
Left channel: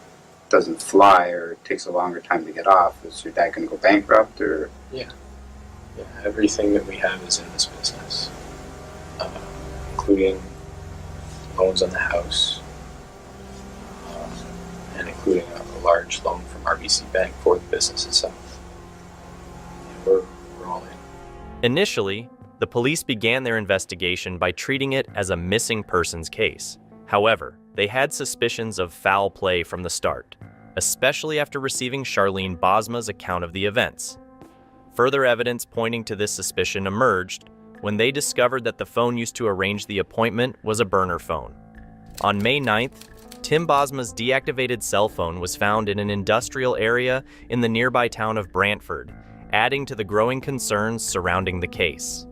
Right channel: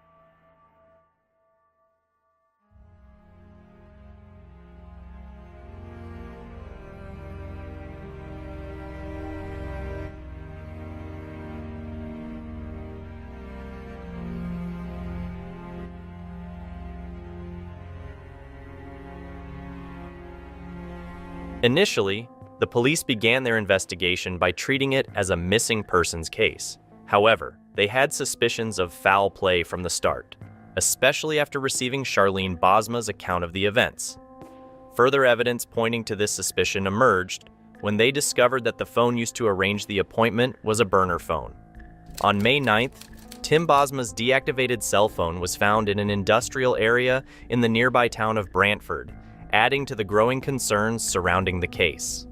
doesn't fly or it takes a longer time to get off, is your dad going to go bankrupt, or? Yeah. Everything that we have is in this business, including loans on the house, and including a large loan from RBC Bank for the business itself. We're all in. Initially, the police began their investigation by treating it as a missing persons case. However, they had suspicions of foul play from the start, especially after receiving Charlene Bosma's account of the events. Further evidence pointing to this suspicion emerged when they discovered that the phone used to arrange the appointment was a burner phone. On May 9th, Tim Bosma's deactivated cell phone was found in an industrial area in the nearby town of Brantford, adding to the growing concerns surrounding the case.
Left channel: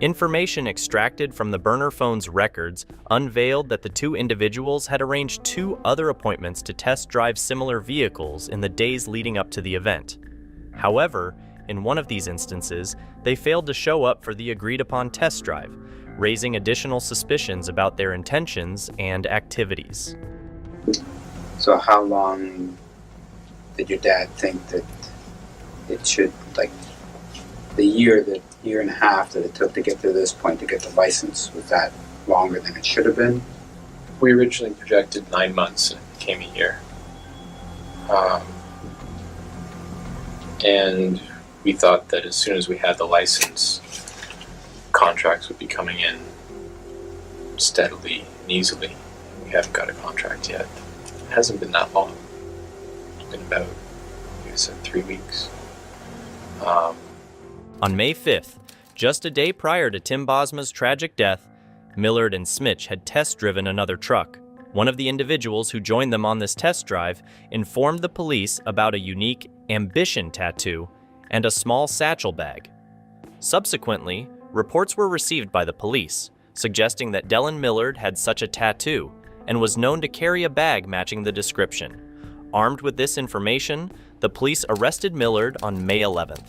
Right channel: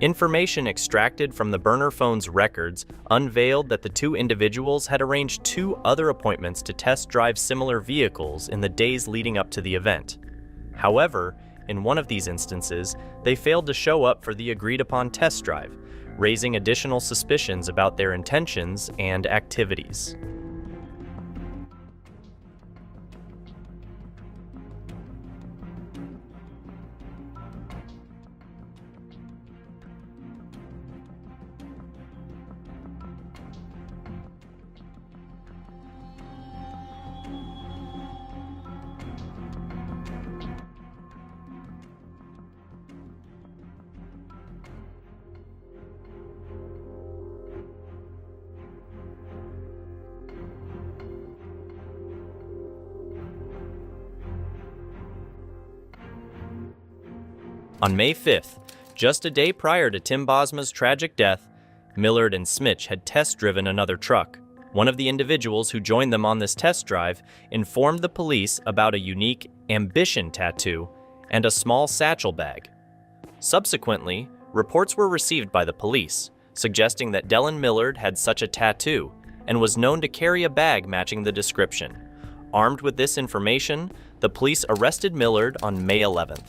Information extracted from the burner phone's records unveiled that the two individuals had arranged 2 other appointments to test drive similar vehicles in the days leading up to the event. However, in one of these instances, they failed to show up for the agreed-upon test drive, raising additional suspicions about their intentions and activities. So how long did your dad think that it should, like, the year and a half that it took to get to this point to get the license, was that longer than it should have been? We originally projected 9 months, and it became a year. And we thought that as soon as we had the license, contracts would be coming in steadily and easily. We haven't got a contract yet. It hasn't been that long. It's been about, like I said, 3 weeks. On May 5th, just a day prior to Tim Bosma's tragic death, Millard and Smitch had test-driven another truck. One of the individuals who joined them on this test drive informed the police about a unique ambition tattoo and a small satchel bag. Subsequently, reports were received by the police, suggesting that Dellen Millard had such a tattoo and was known to carry a bag matching the description. Armed with this information, the police arrested Millard on May 11th.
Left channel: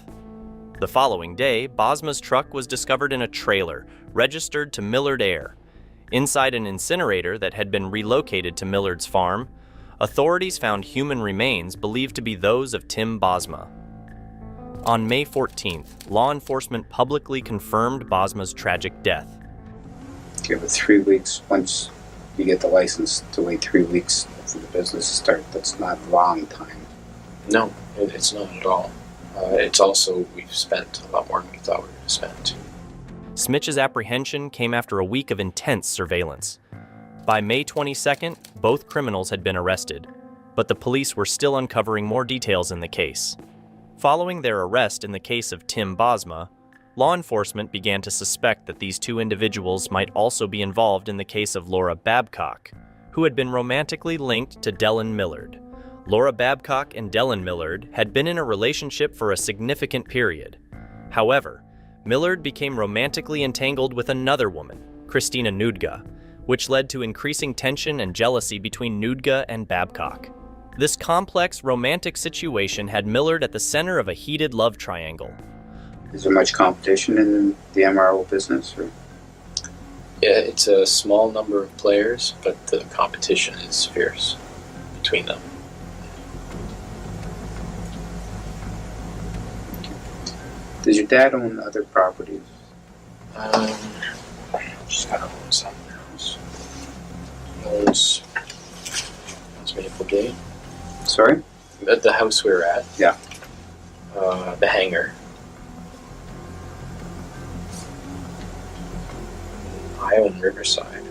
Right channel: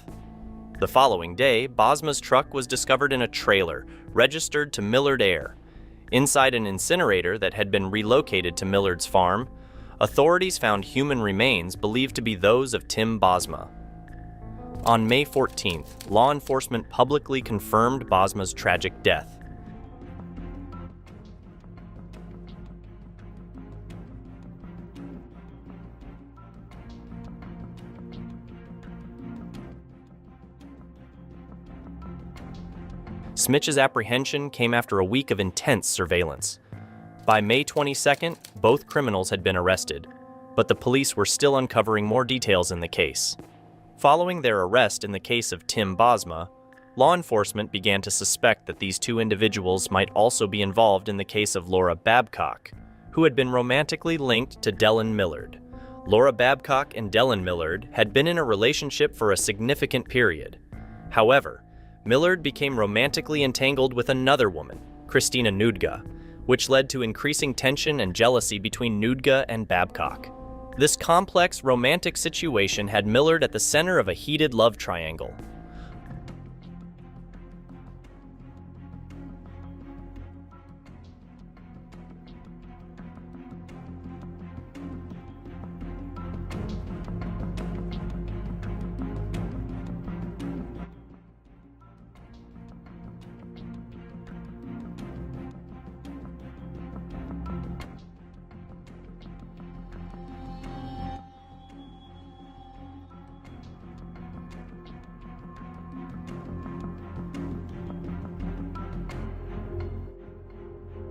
The following day, Bosma's truck was discovered in a trailer, registered to Millard Air. Inside an incinerator that had been relocated to Millard's farm, authorities found human remains believed to be those of Tim Bosma. On May 14th, law enforcement publicly confirmed Bosma's tragic death. Give it 3 weeks. Once you get the license, to wait 3 weeks for the business to start, that's not a long time. No, it's not at all. It's also, we've spent a lot more than we thought we were going to spend. Smitch's apprehension came after a week of intense surveillance. By May 22nd, both criminals had been arrested, but the police were still uncovering more details in the case. Following their arrest in the case of Tim Bosma, law enforcement began to suspect that these 2 individuals might also be involved in the case of Laura Babcock, who had been romantically linked to Dellen Millard. Laura Babcock and Dellen Millard had been in a relationship for a significant period. However, Millard became romantically entangled with another woman, Christina Nudga, which led to increasing tension and jealousy between Nudga and Babcock. This complex romantic situation had Millard at the center of a heated love triangle. Is there much competition in the MRO business? Or? Yeah, it's a small number of players, but the competition is fierce between them. Does your dad own other properties? Just gotta own something else. Owns Maple Gate. Sorry? At the house we were at. Yeah. The hangar. I own Riverside.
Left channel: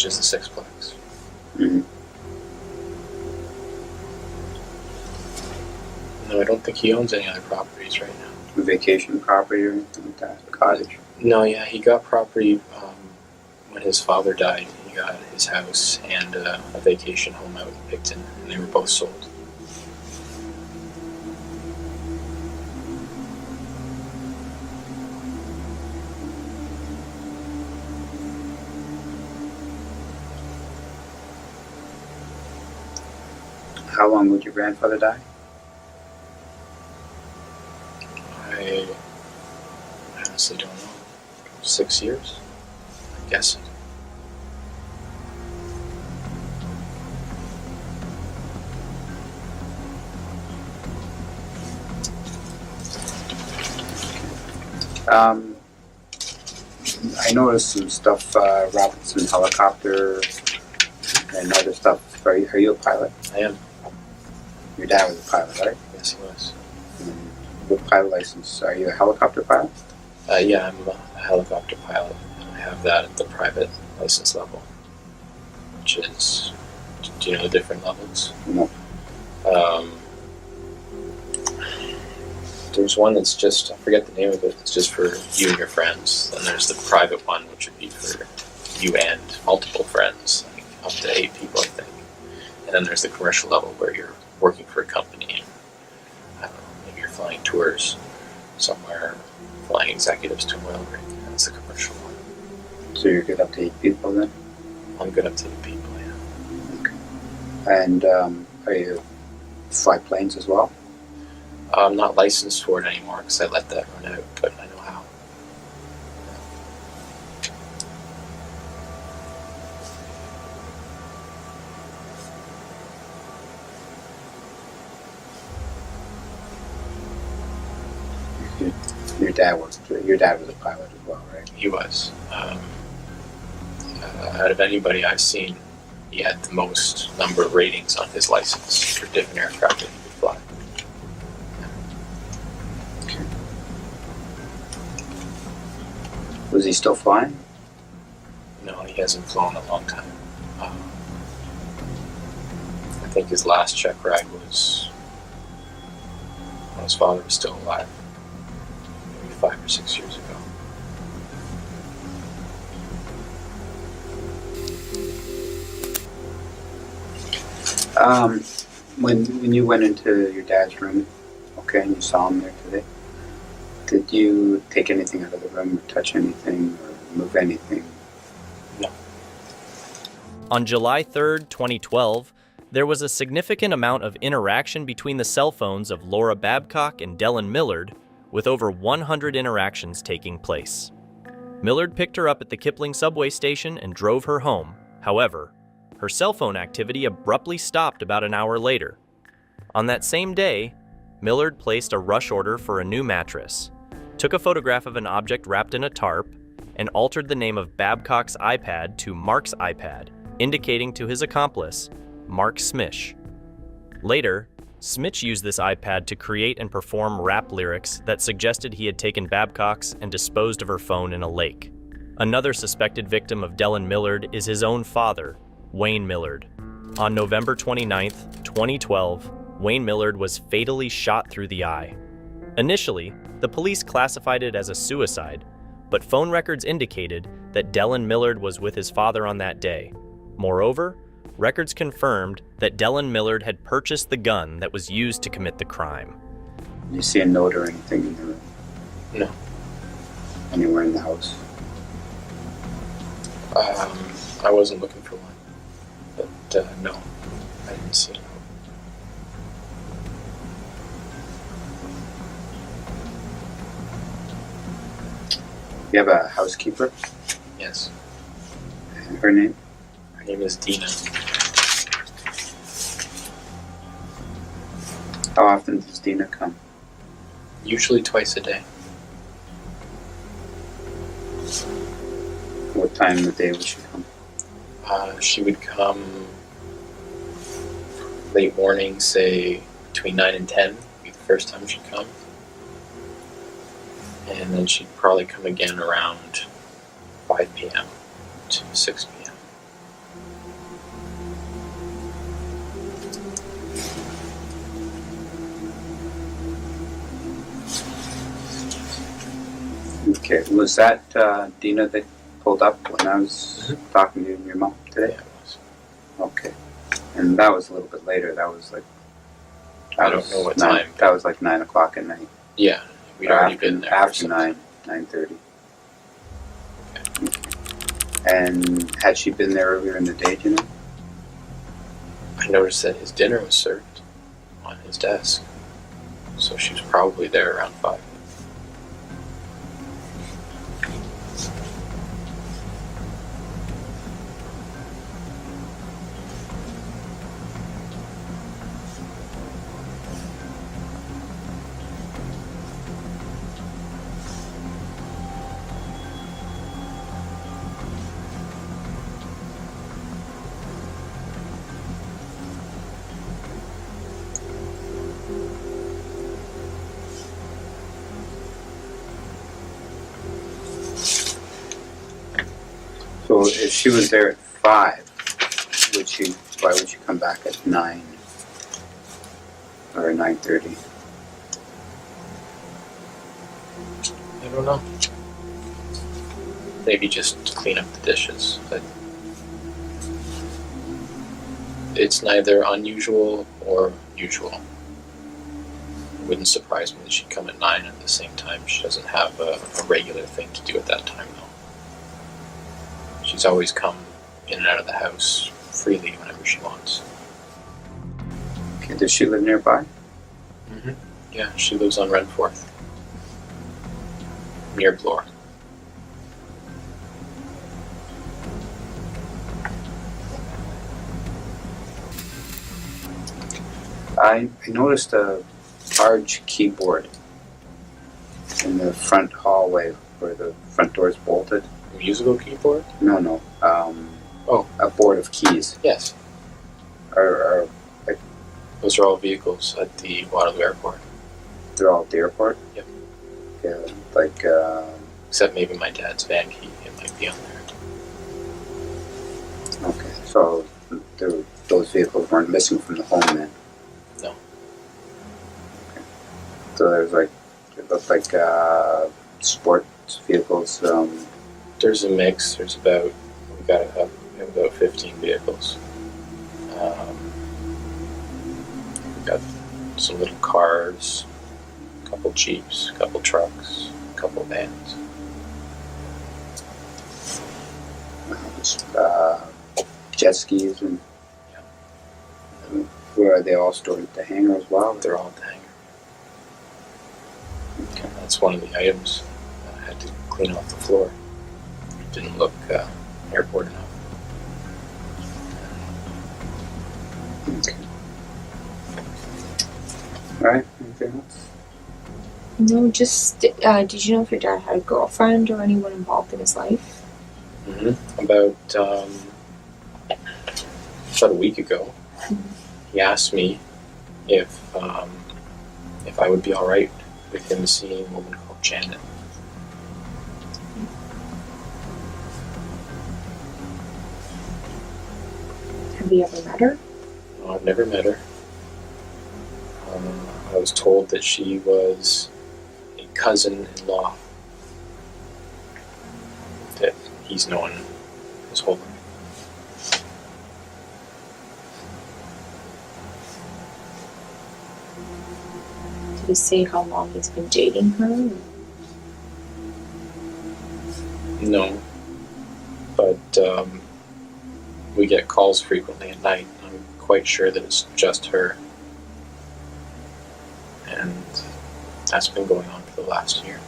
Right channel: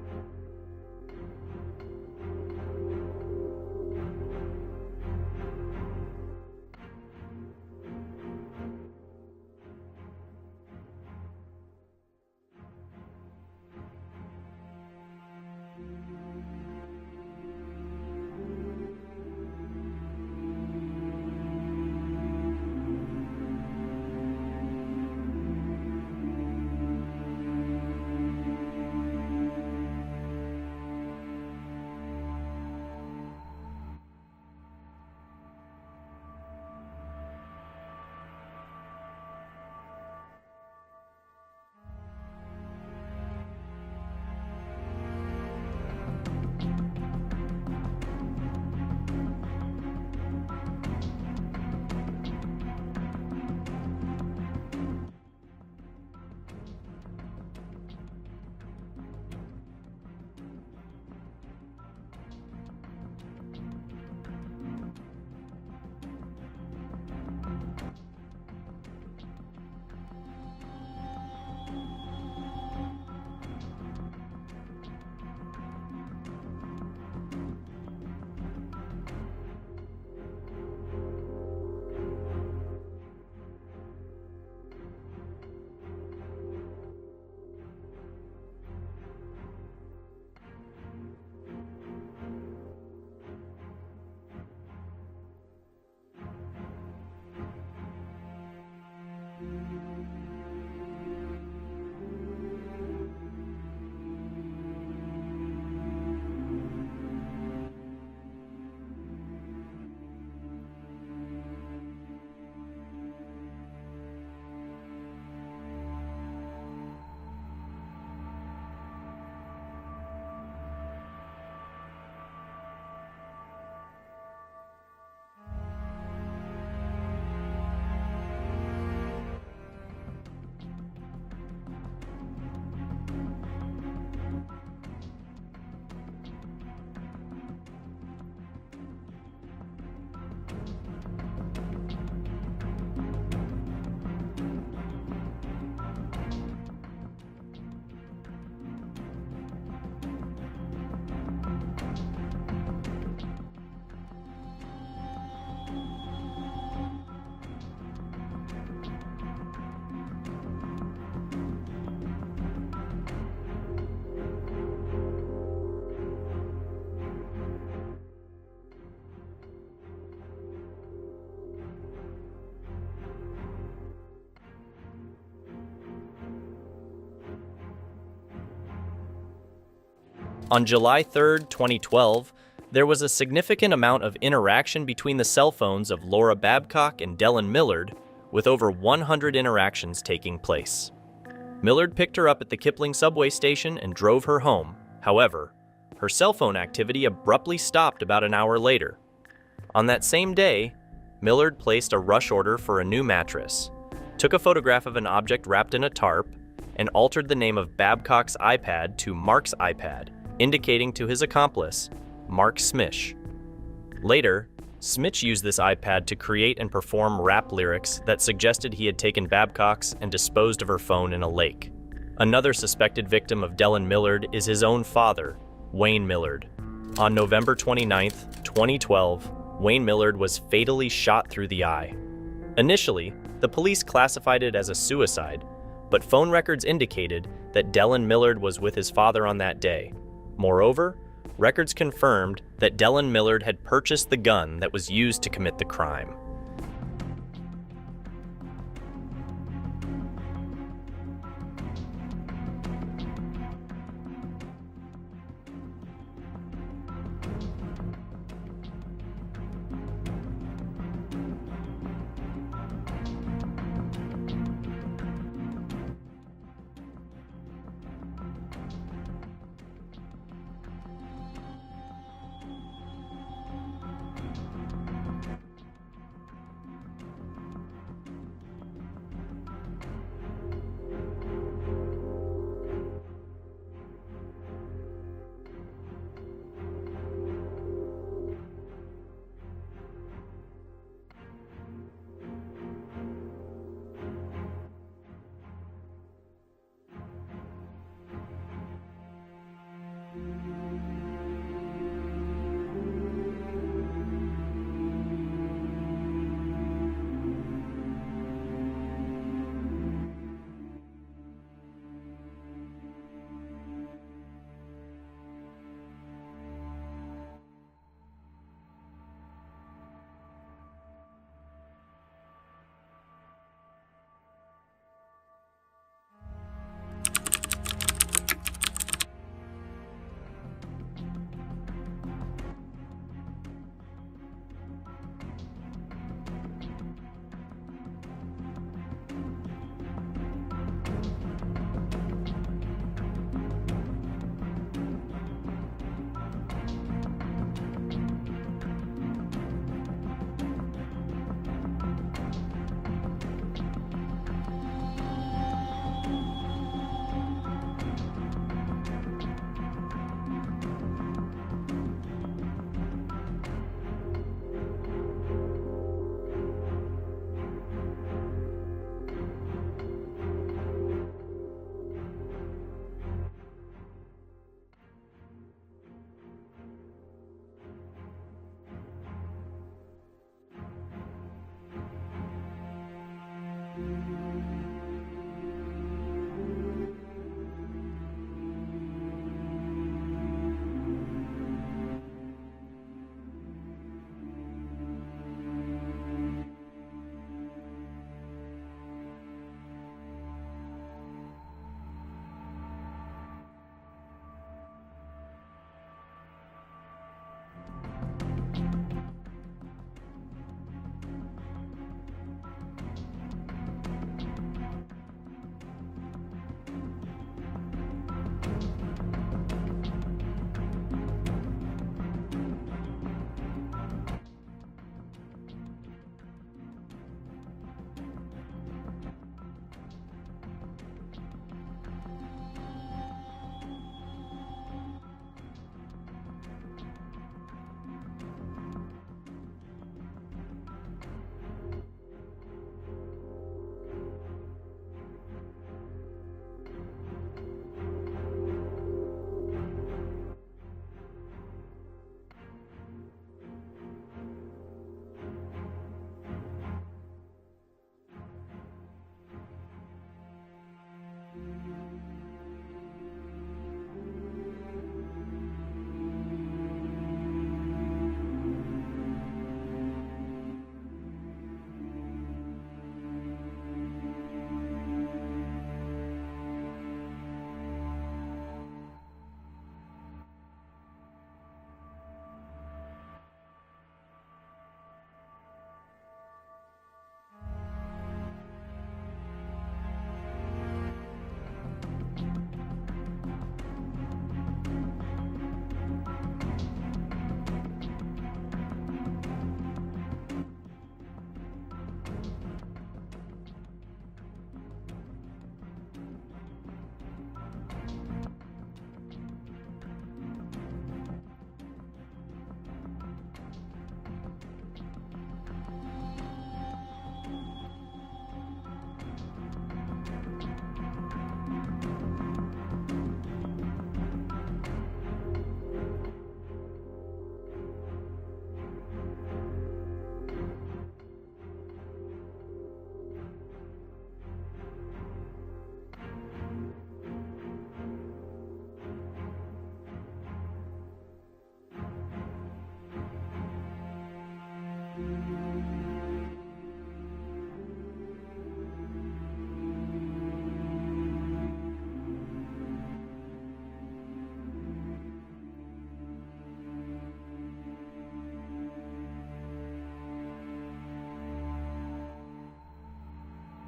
which is the sixplex. Mm-hmm. No, I don't think he owns any other properties right now. A vacation property or anything like that? A cottage? No, yeah, he got property when his father died. He got his house and a vacation home out in Picton, and they were both sold. How long would your grandfather die? I honestly don't know. 6 years? I guess. I noticed some stuff, Robinson helicopter and other stuff. Are you a pilot? I am. Your dad was a pilot, right? Yes, he was. What pilot license? Are you a helicopter pilot? Yeah, I'm a helicopter pilot. I have that at the private license level, which is, do you know the different levels? No. There's one that's just, I forget the name of it, it's just for you and your friends. Then there's the private one, which would be for you and multiple friends, like up to 8 people, I think. And then there's the commercial level where you're working for a company and, I don't know, maybe you're flying tours somewhere, flying executives to an oil rig. That's the commercial one. So you're good up to 8 people then? I'm good up to 8 people, yeah. Okay. And are you fly planes as well? I'm not licensed for it anymore because I let that run out, but I know how. Your dad was a pilot as well, right? He was. Out of anybody I've seen, he had the most number of ratings on his license for different aircraft that he could fly. Was he still flying? No, he hasn't flown in a long time. I think his last check ride was when his father was still alive, maybe 5 or 6 years ago. When you went into your dad's room, okay, and you saw him there today, did you take anything out of the room or touch anything or move anything? No. On July 3rd, 2012, there was a significant amount of interaction between the cell phones of Laura Babcock and Dellen Millard, with over 100 interactions taking place. Millard picked her up at the Kipling subway station and drove her home. However, her cell phone activity abruptly stopped about an hour later. On that same day, Millard placed a rush order for a new mattress, took a photograph of an object wrapped in a tarp, and altered the name of Babcock's iPad to Mark's iPad, indicating to his accomplice, Mark Smish. Later, Smish used this iPad to create and perform rap lyrics that suggested he had taken Babcock's and disposed of her phone in a lake. Another suspected victim of Dellen Millard is his own father, Wayne Millard. On November 29, 2012, Wayne Millard was fatally shot through the eye. Initially, the police classified it as a suicide, but phone records indicated that Dellen Millard was with his father on that day. Moreover, records confirmed that Dellen Millard had purchased the gun that was used to commit the crime. Did you see a note or anything in the room? No. Anywhere in the house? I wasn't looking for one, but no, I didn't see it. You have a housekeeper? Yes. And her name? Her name is Dina. How often does Dina come? Usually twice a day. What time of the day would she come? She would come late morning, say between 9 and 10 would be the first time she'd come. And then she'd probably come again around 5 p.m. to 6 p.m. Okay, was that Dina that pulled up when I was talking to your mom today? Yeah, it was. Okay. And that was a little bit later. That was like... I don't know what time. That was like 9 o'clock at night. Yeah, we'd already been there. After 9:30. Okay. And had she been there earlier in the day, do you know? I noticed that his dinner was served on his desk. So she was probably there around 5. So if she was there at 5, why would she come back at 9 or 9:30? I don't know. Maybe just to clean up the dishes, but it's neither unusual or usual. It wouldn't surprise me that she'd come at 9 at the same time. She doesn't have a regular thing to do at that time, though. She's always come in and out of the house freely whenever she wants. Okay, does she live nearby? Mm-hmm. Yeah, she lives on Renforth, near Bloor. I noticed a large keyboard in the front hallway where the front door is bolted. A musical keyboard? No. A board of keys. Yes. Are like, those are all vehicles at the Waterloo Airport. They're all at the airport? Yep. Yeah, like... except maybe my dad's van key. It might be on there. Okay, so those vehicles weren't missing from the home then? No. Okay. So there's like... It looked like sports vehicles. There's a mix. There's about... We have about 15 vehicles. We've got some little cars, a couple Jeeps, a couple trucks, a couple vans. Jet skis and where are they all stored at the hangar as well? They're all at the hangar. Okay. That's one of the items I had to clean off the floor. It didn't look airport enough. Okay. Alright, anything else? No, just did you know if your dad had a girlfriend or anyone involved in his life? Mm-hmm. About a week ago, he asked me if I would be all right with him seeing a woman called Janet. Have you ever met her? No, I've never met her. I was told that she was a cousin-in-law that he's known his whole life. Did he say how long he's been dating her? No, but we get calls frequently at night. I'm quite sure that it's just her. And that's been going on for the last year.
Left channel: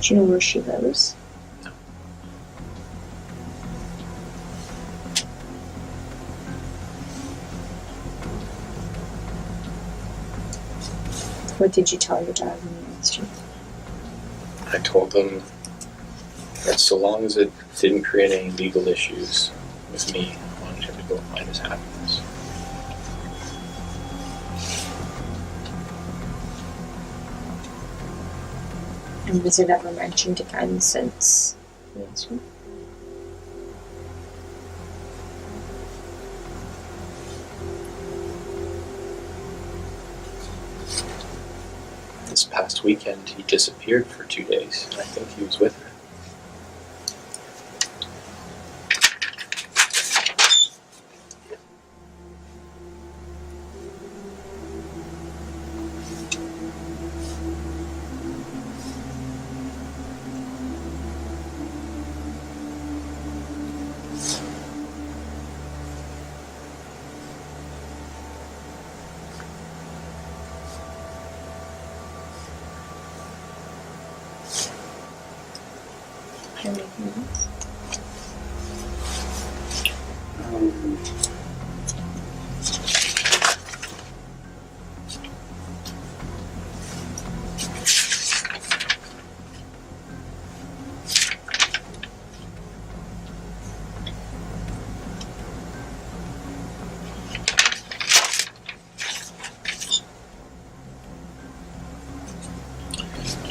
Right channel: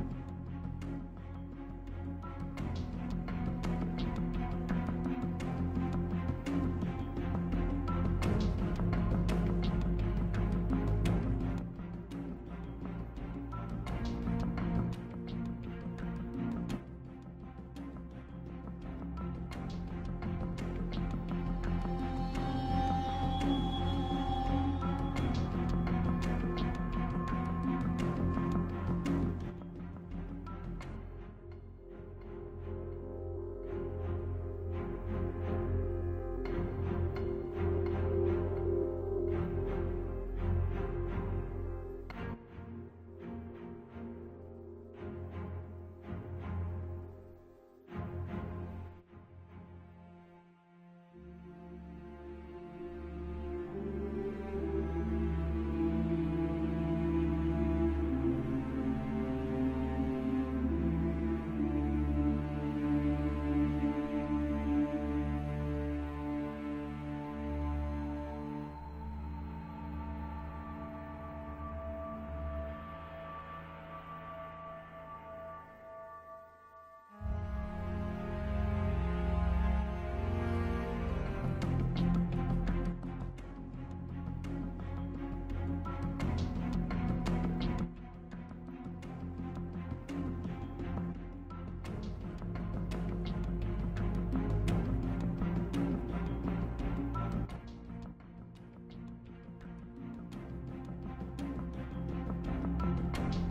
Do you know where she lives? No. What did you tell your dad when he asked you? I told him that so long as it didn't create any legal issues with me, I wanted him to go find his happiness. And was it ever mentioned again since the incident? past weekend he disappeared for 2 days, and I think he was with her.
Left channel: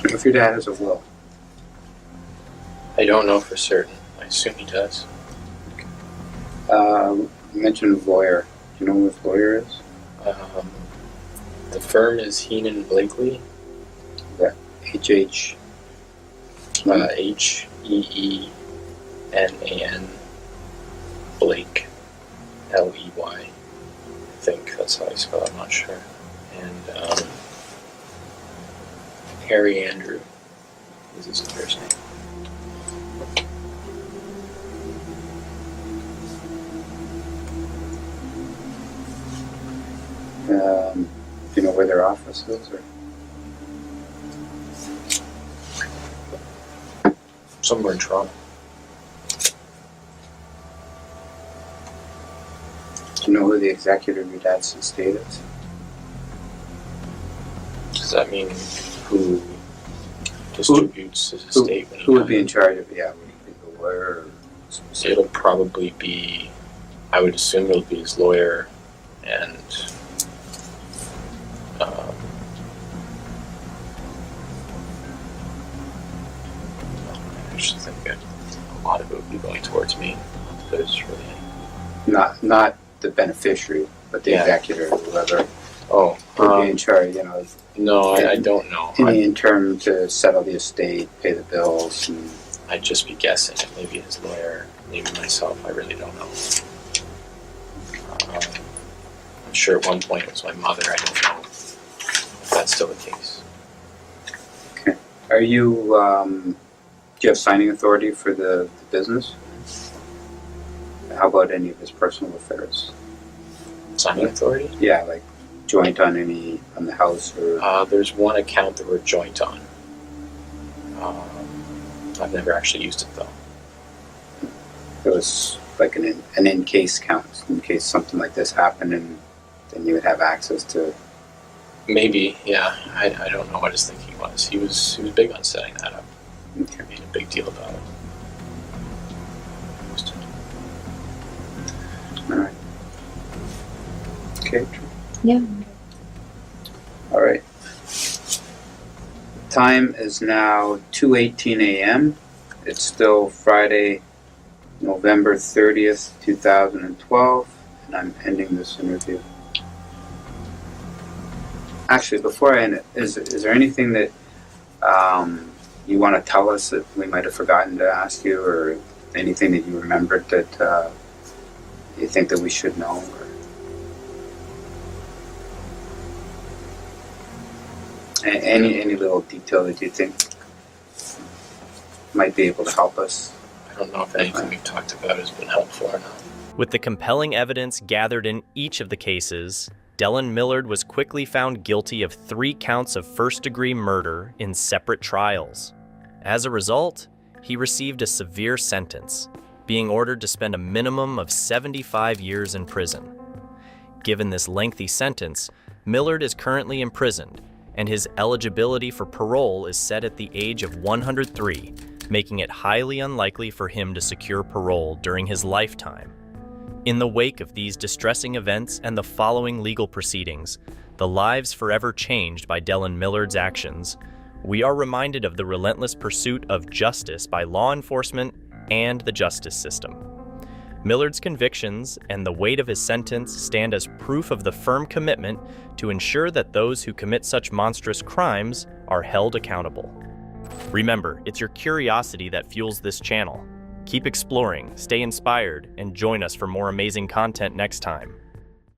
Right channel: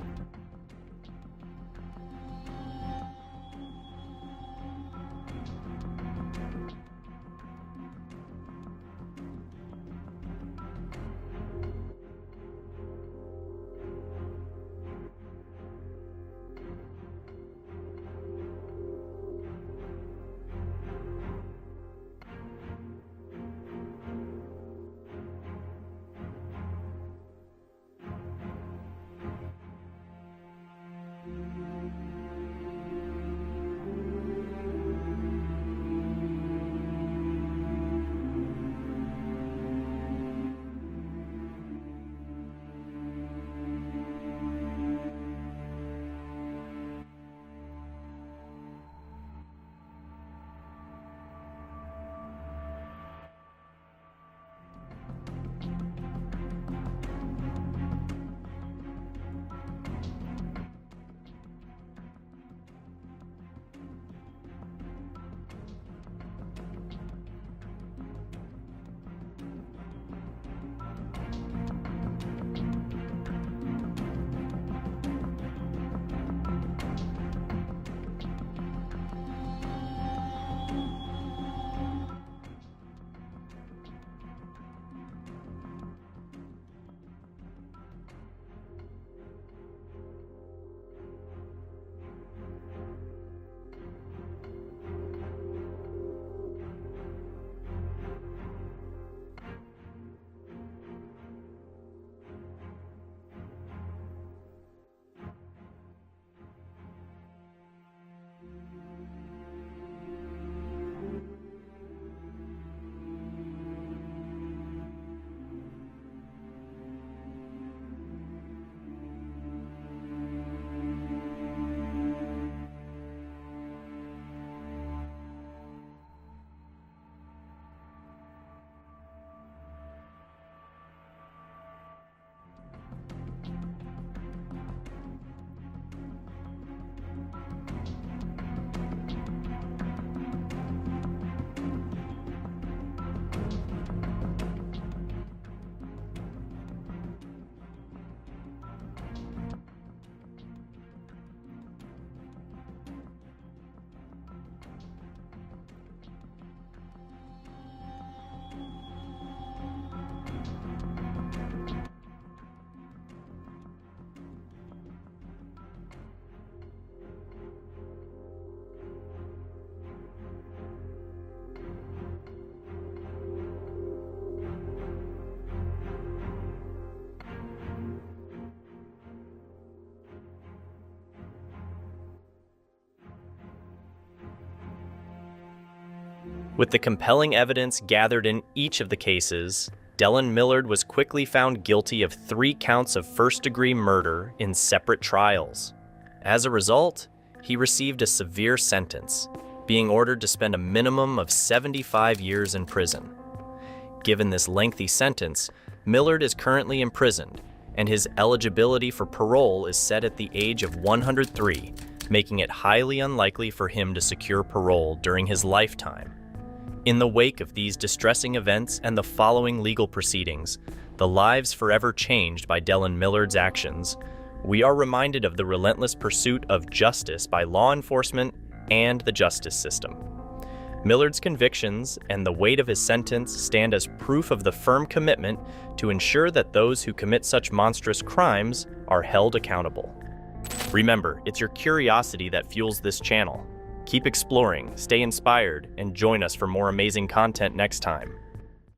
If your dad has a will. I don't know for certain. I assume he does. You mentioned lawyer. Do you know who his lawyer is? The firm is Heenan Blakely. That H-H... H-E-E-N-A-N Blake. L-E-Y. I think that's how I spell it, I'm not sure. And Harry Andrew is his first name. Do you know where their office is? Or? Somewhere in Toronto. Do you know who the executor of your dad's estate is? Does that mean who distributes his estate? Who would be in charge of, would he be the lawyer? It'll probably be, I would assume it'll be his lawyer and I just think that a lot of it would be going towards me. There's really Not the beneficiary, but the executor, whoever. Oh, would be in charge, No, I don't know. In term to settle the estate, pay the bills. And I'd just be guessing. Maybe his lawyer, maybe myself. I really don't know. I'm sure at one point it was my mother. I don't know if that's still the case. Okay. Are you, do you have signing authority for the business? How about any of his personal affairs? Signing authority? Yeah, like joint on the house or... There's one account that we're joint on. I've never actually used it though. It was like an in-case count, in case something like this happened, and then you would have access to... Maybe, yeah. I don't know what his thinking was. He was big on setting that up. Okay. He made a big deal about it. All right. Okay. Yeah. All right. Time is now 2:18 a.m. It's still Friday, November 30th, 2012, and I'm ending this interview. Actually, before I end it, is there anything that you want to tell us that we might have forgotten to ask you, or anything that you remembered that you think that we should know? Or any little detail that you think might be able to help us? I don't know if anything we've talked about has been helpful or not. With the compelling evidence gathered in each of the cases, Dellen Millard was quickly found guilty of 3 counts of first-degree murder in separate trials. As a result, he received a severe sentence, being ordered to spend a minimum of 75 years in prison. Given this lengthy sentence, Millard is currently imprisoned, and his eligibility for parole is set at the age of 103, making it highly unlikely for him to secure parole during his lifetime. In the wake of these distressing events and the following legal proceedings, the lives forever changed by Dellen Millard's actions, we are reminded of the relentless pursuit of justice by law enforcement and the justice system. Millard's convictions and the weight of his sentence stand as proof of the firm commitment to ensure that those who commit such monstrous crimes are held accountable. Remember, it's your curiosity that fuels this channel. Keep exploring, stay inspired, and join us for more amazing content next time.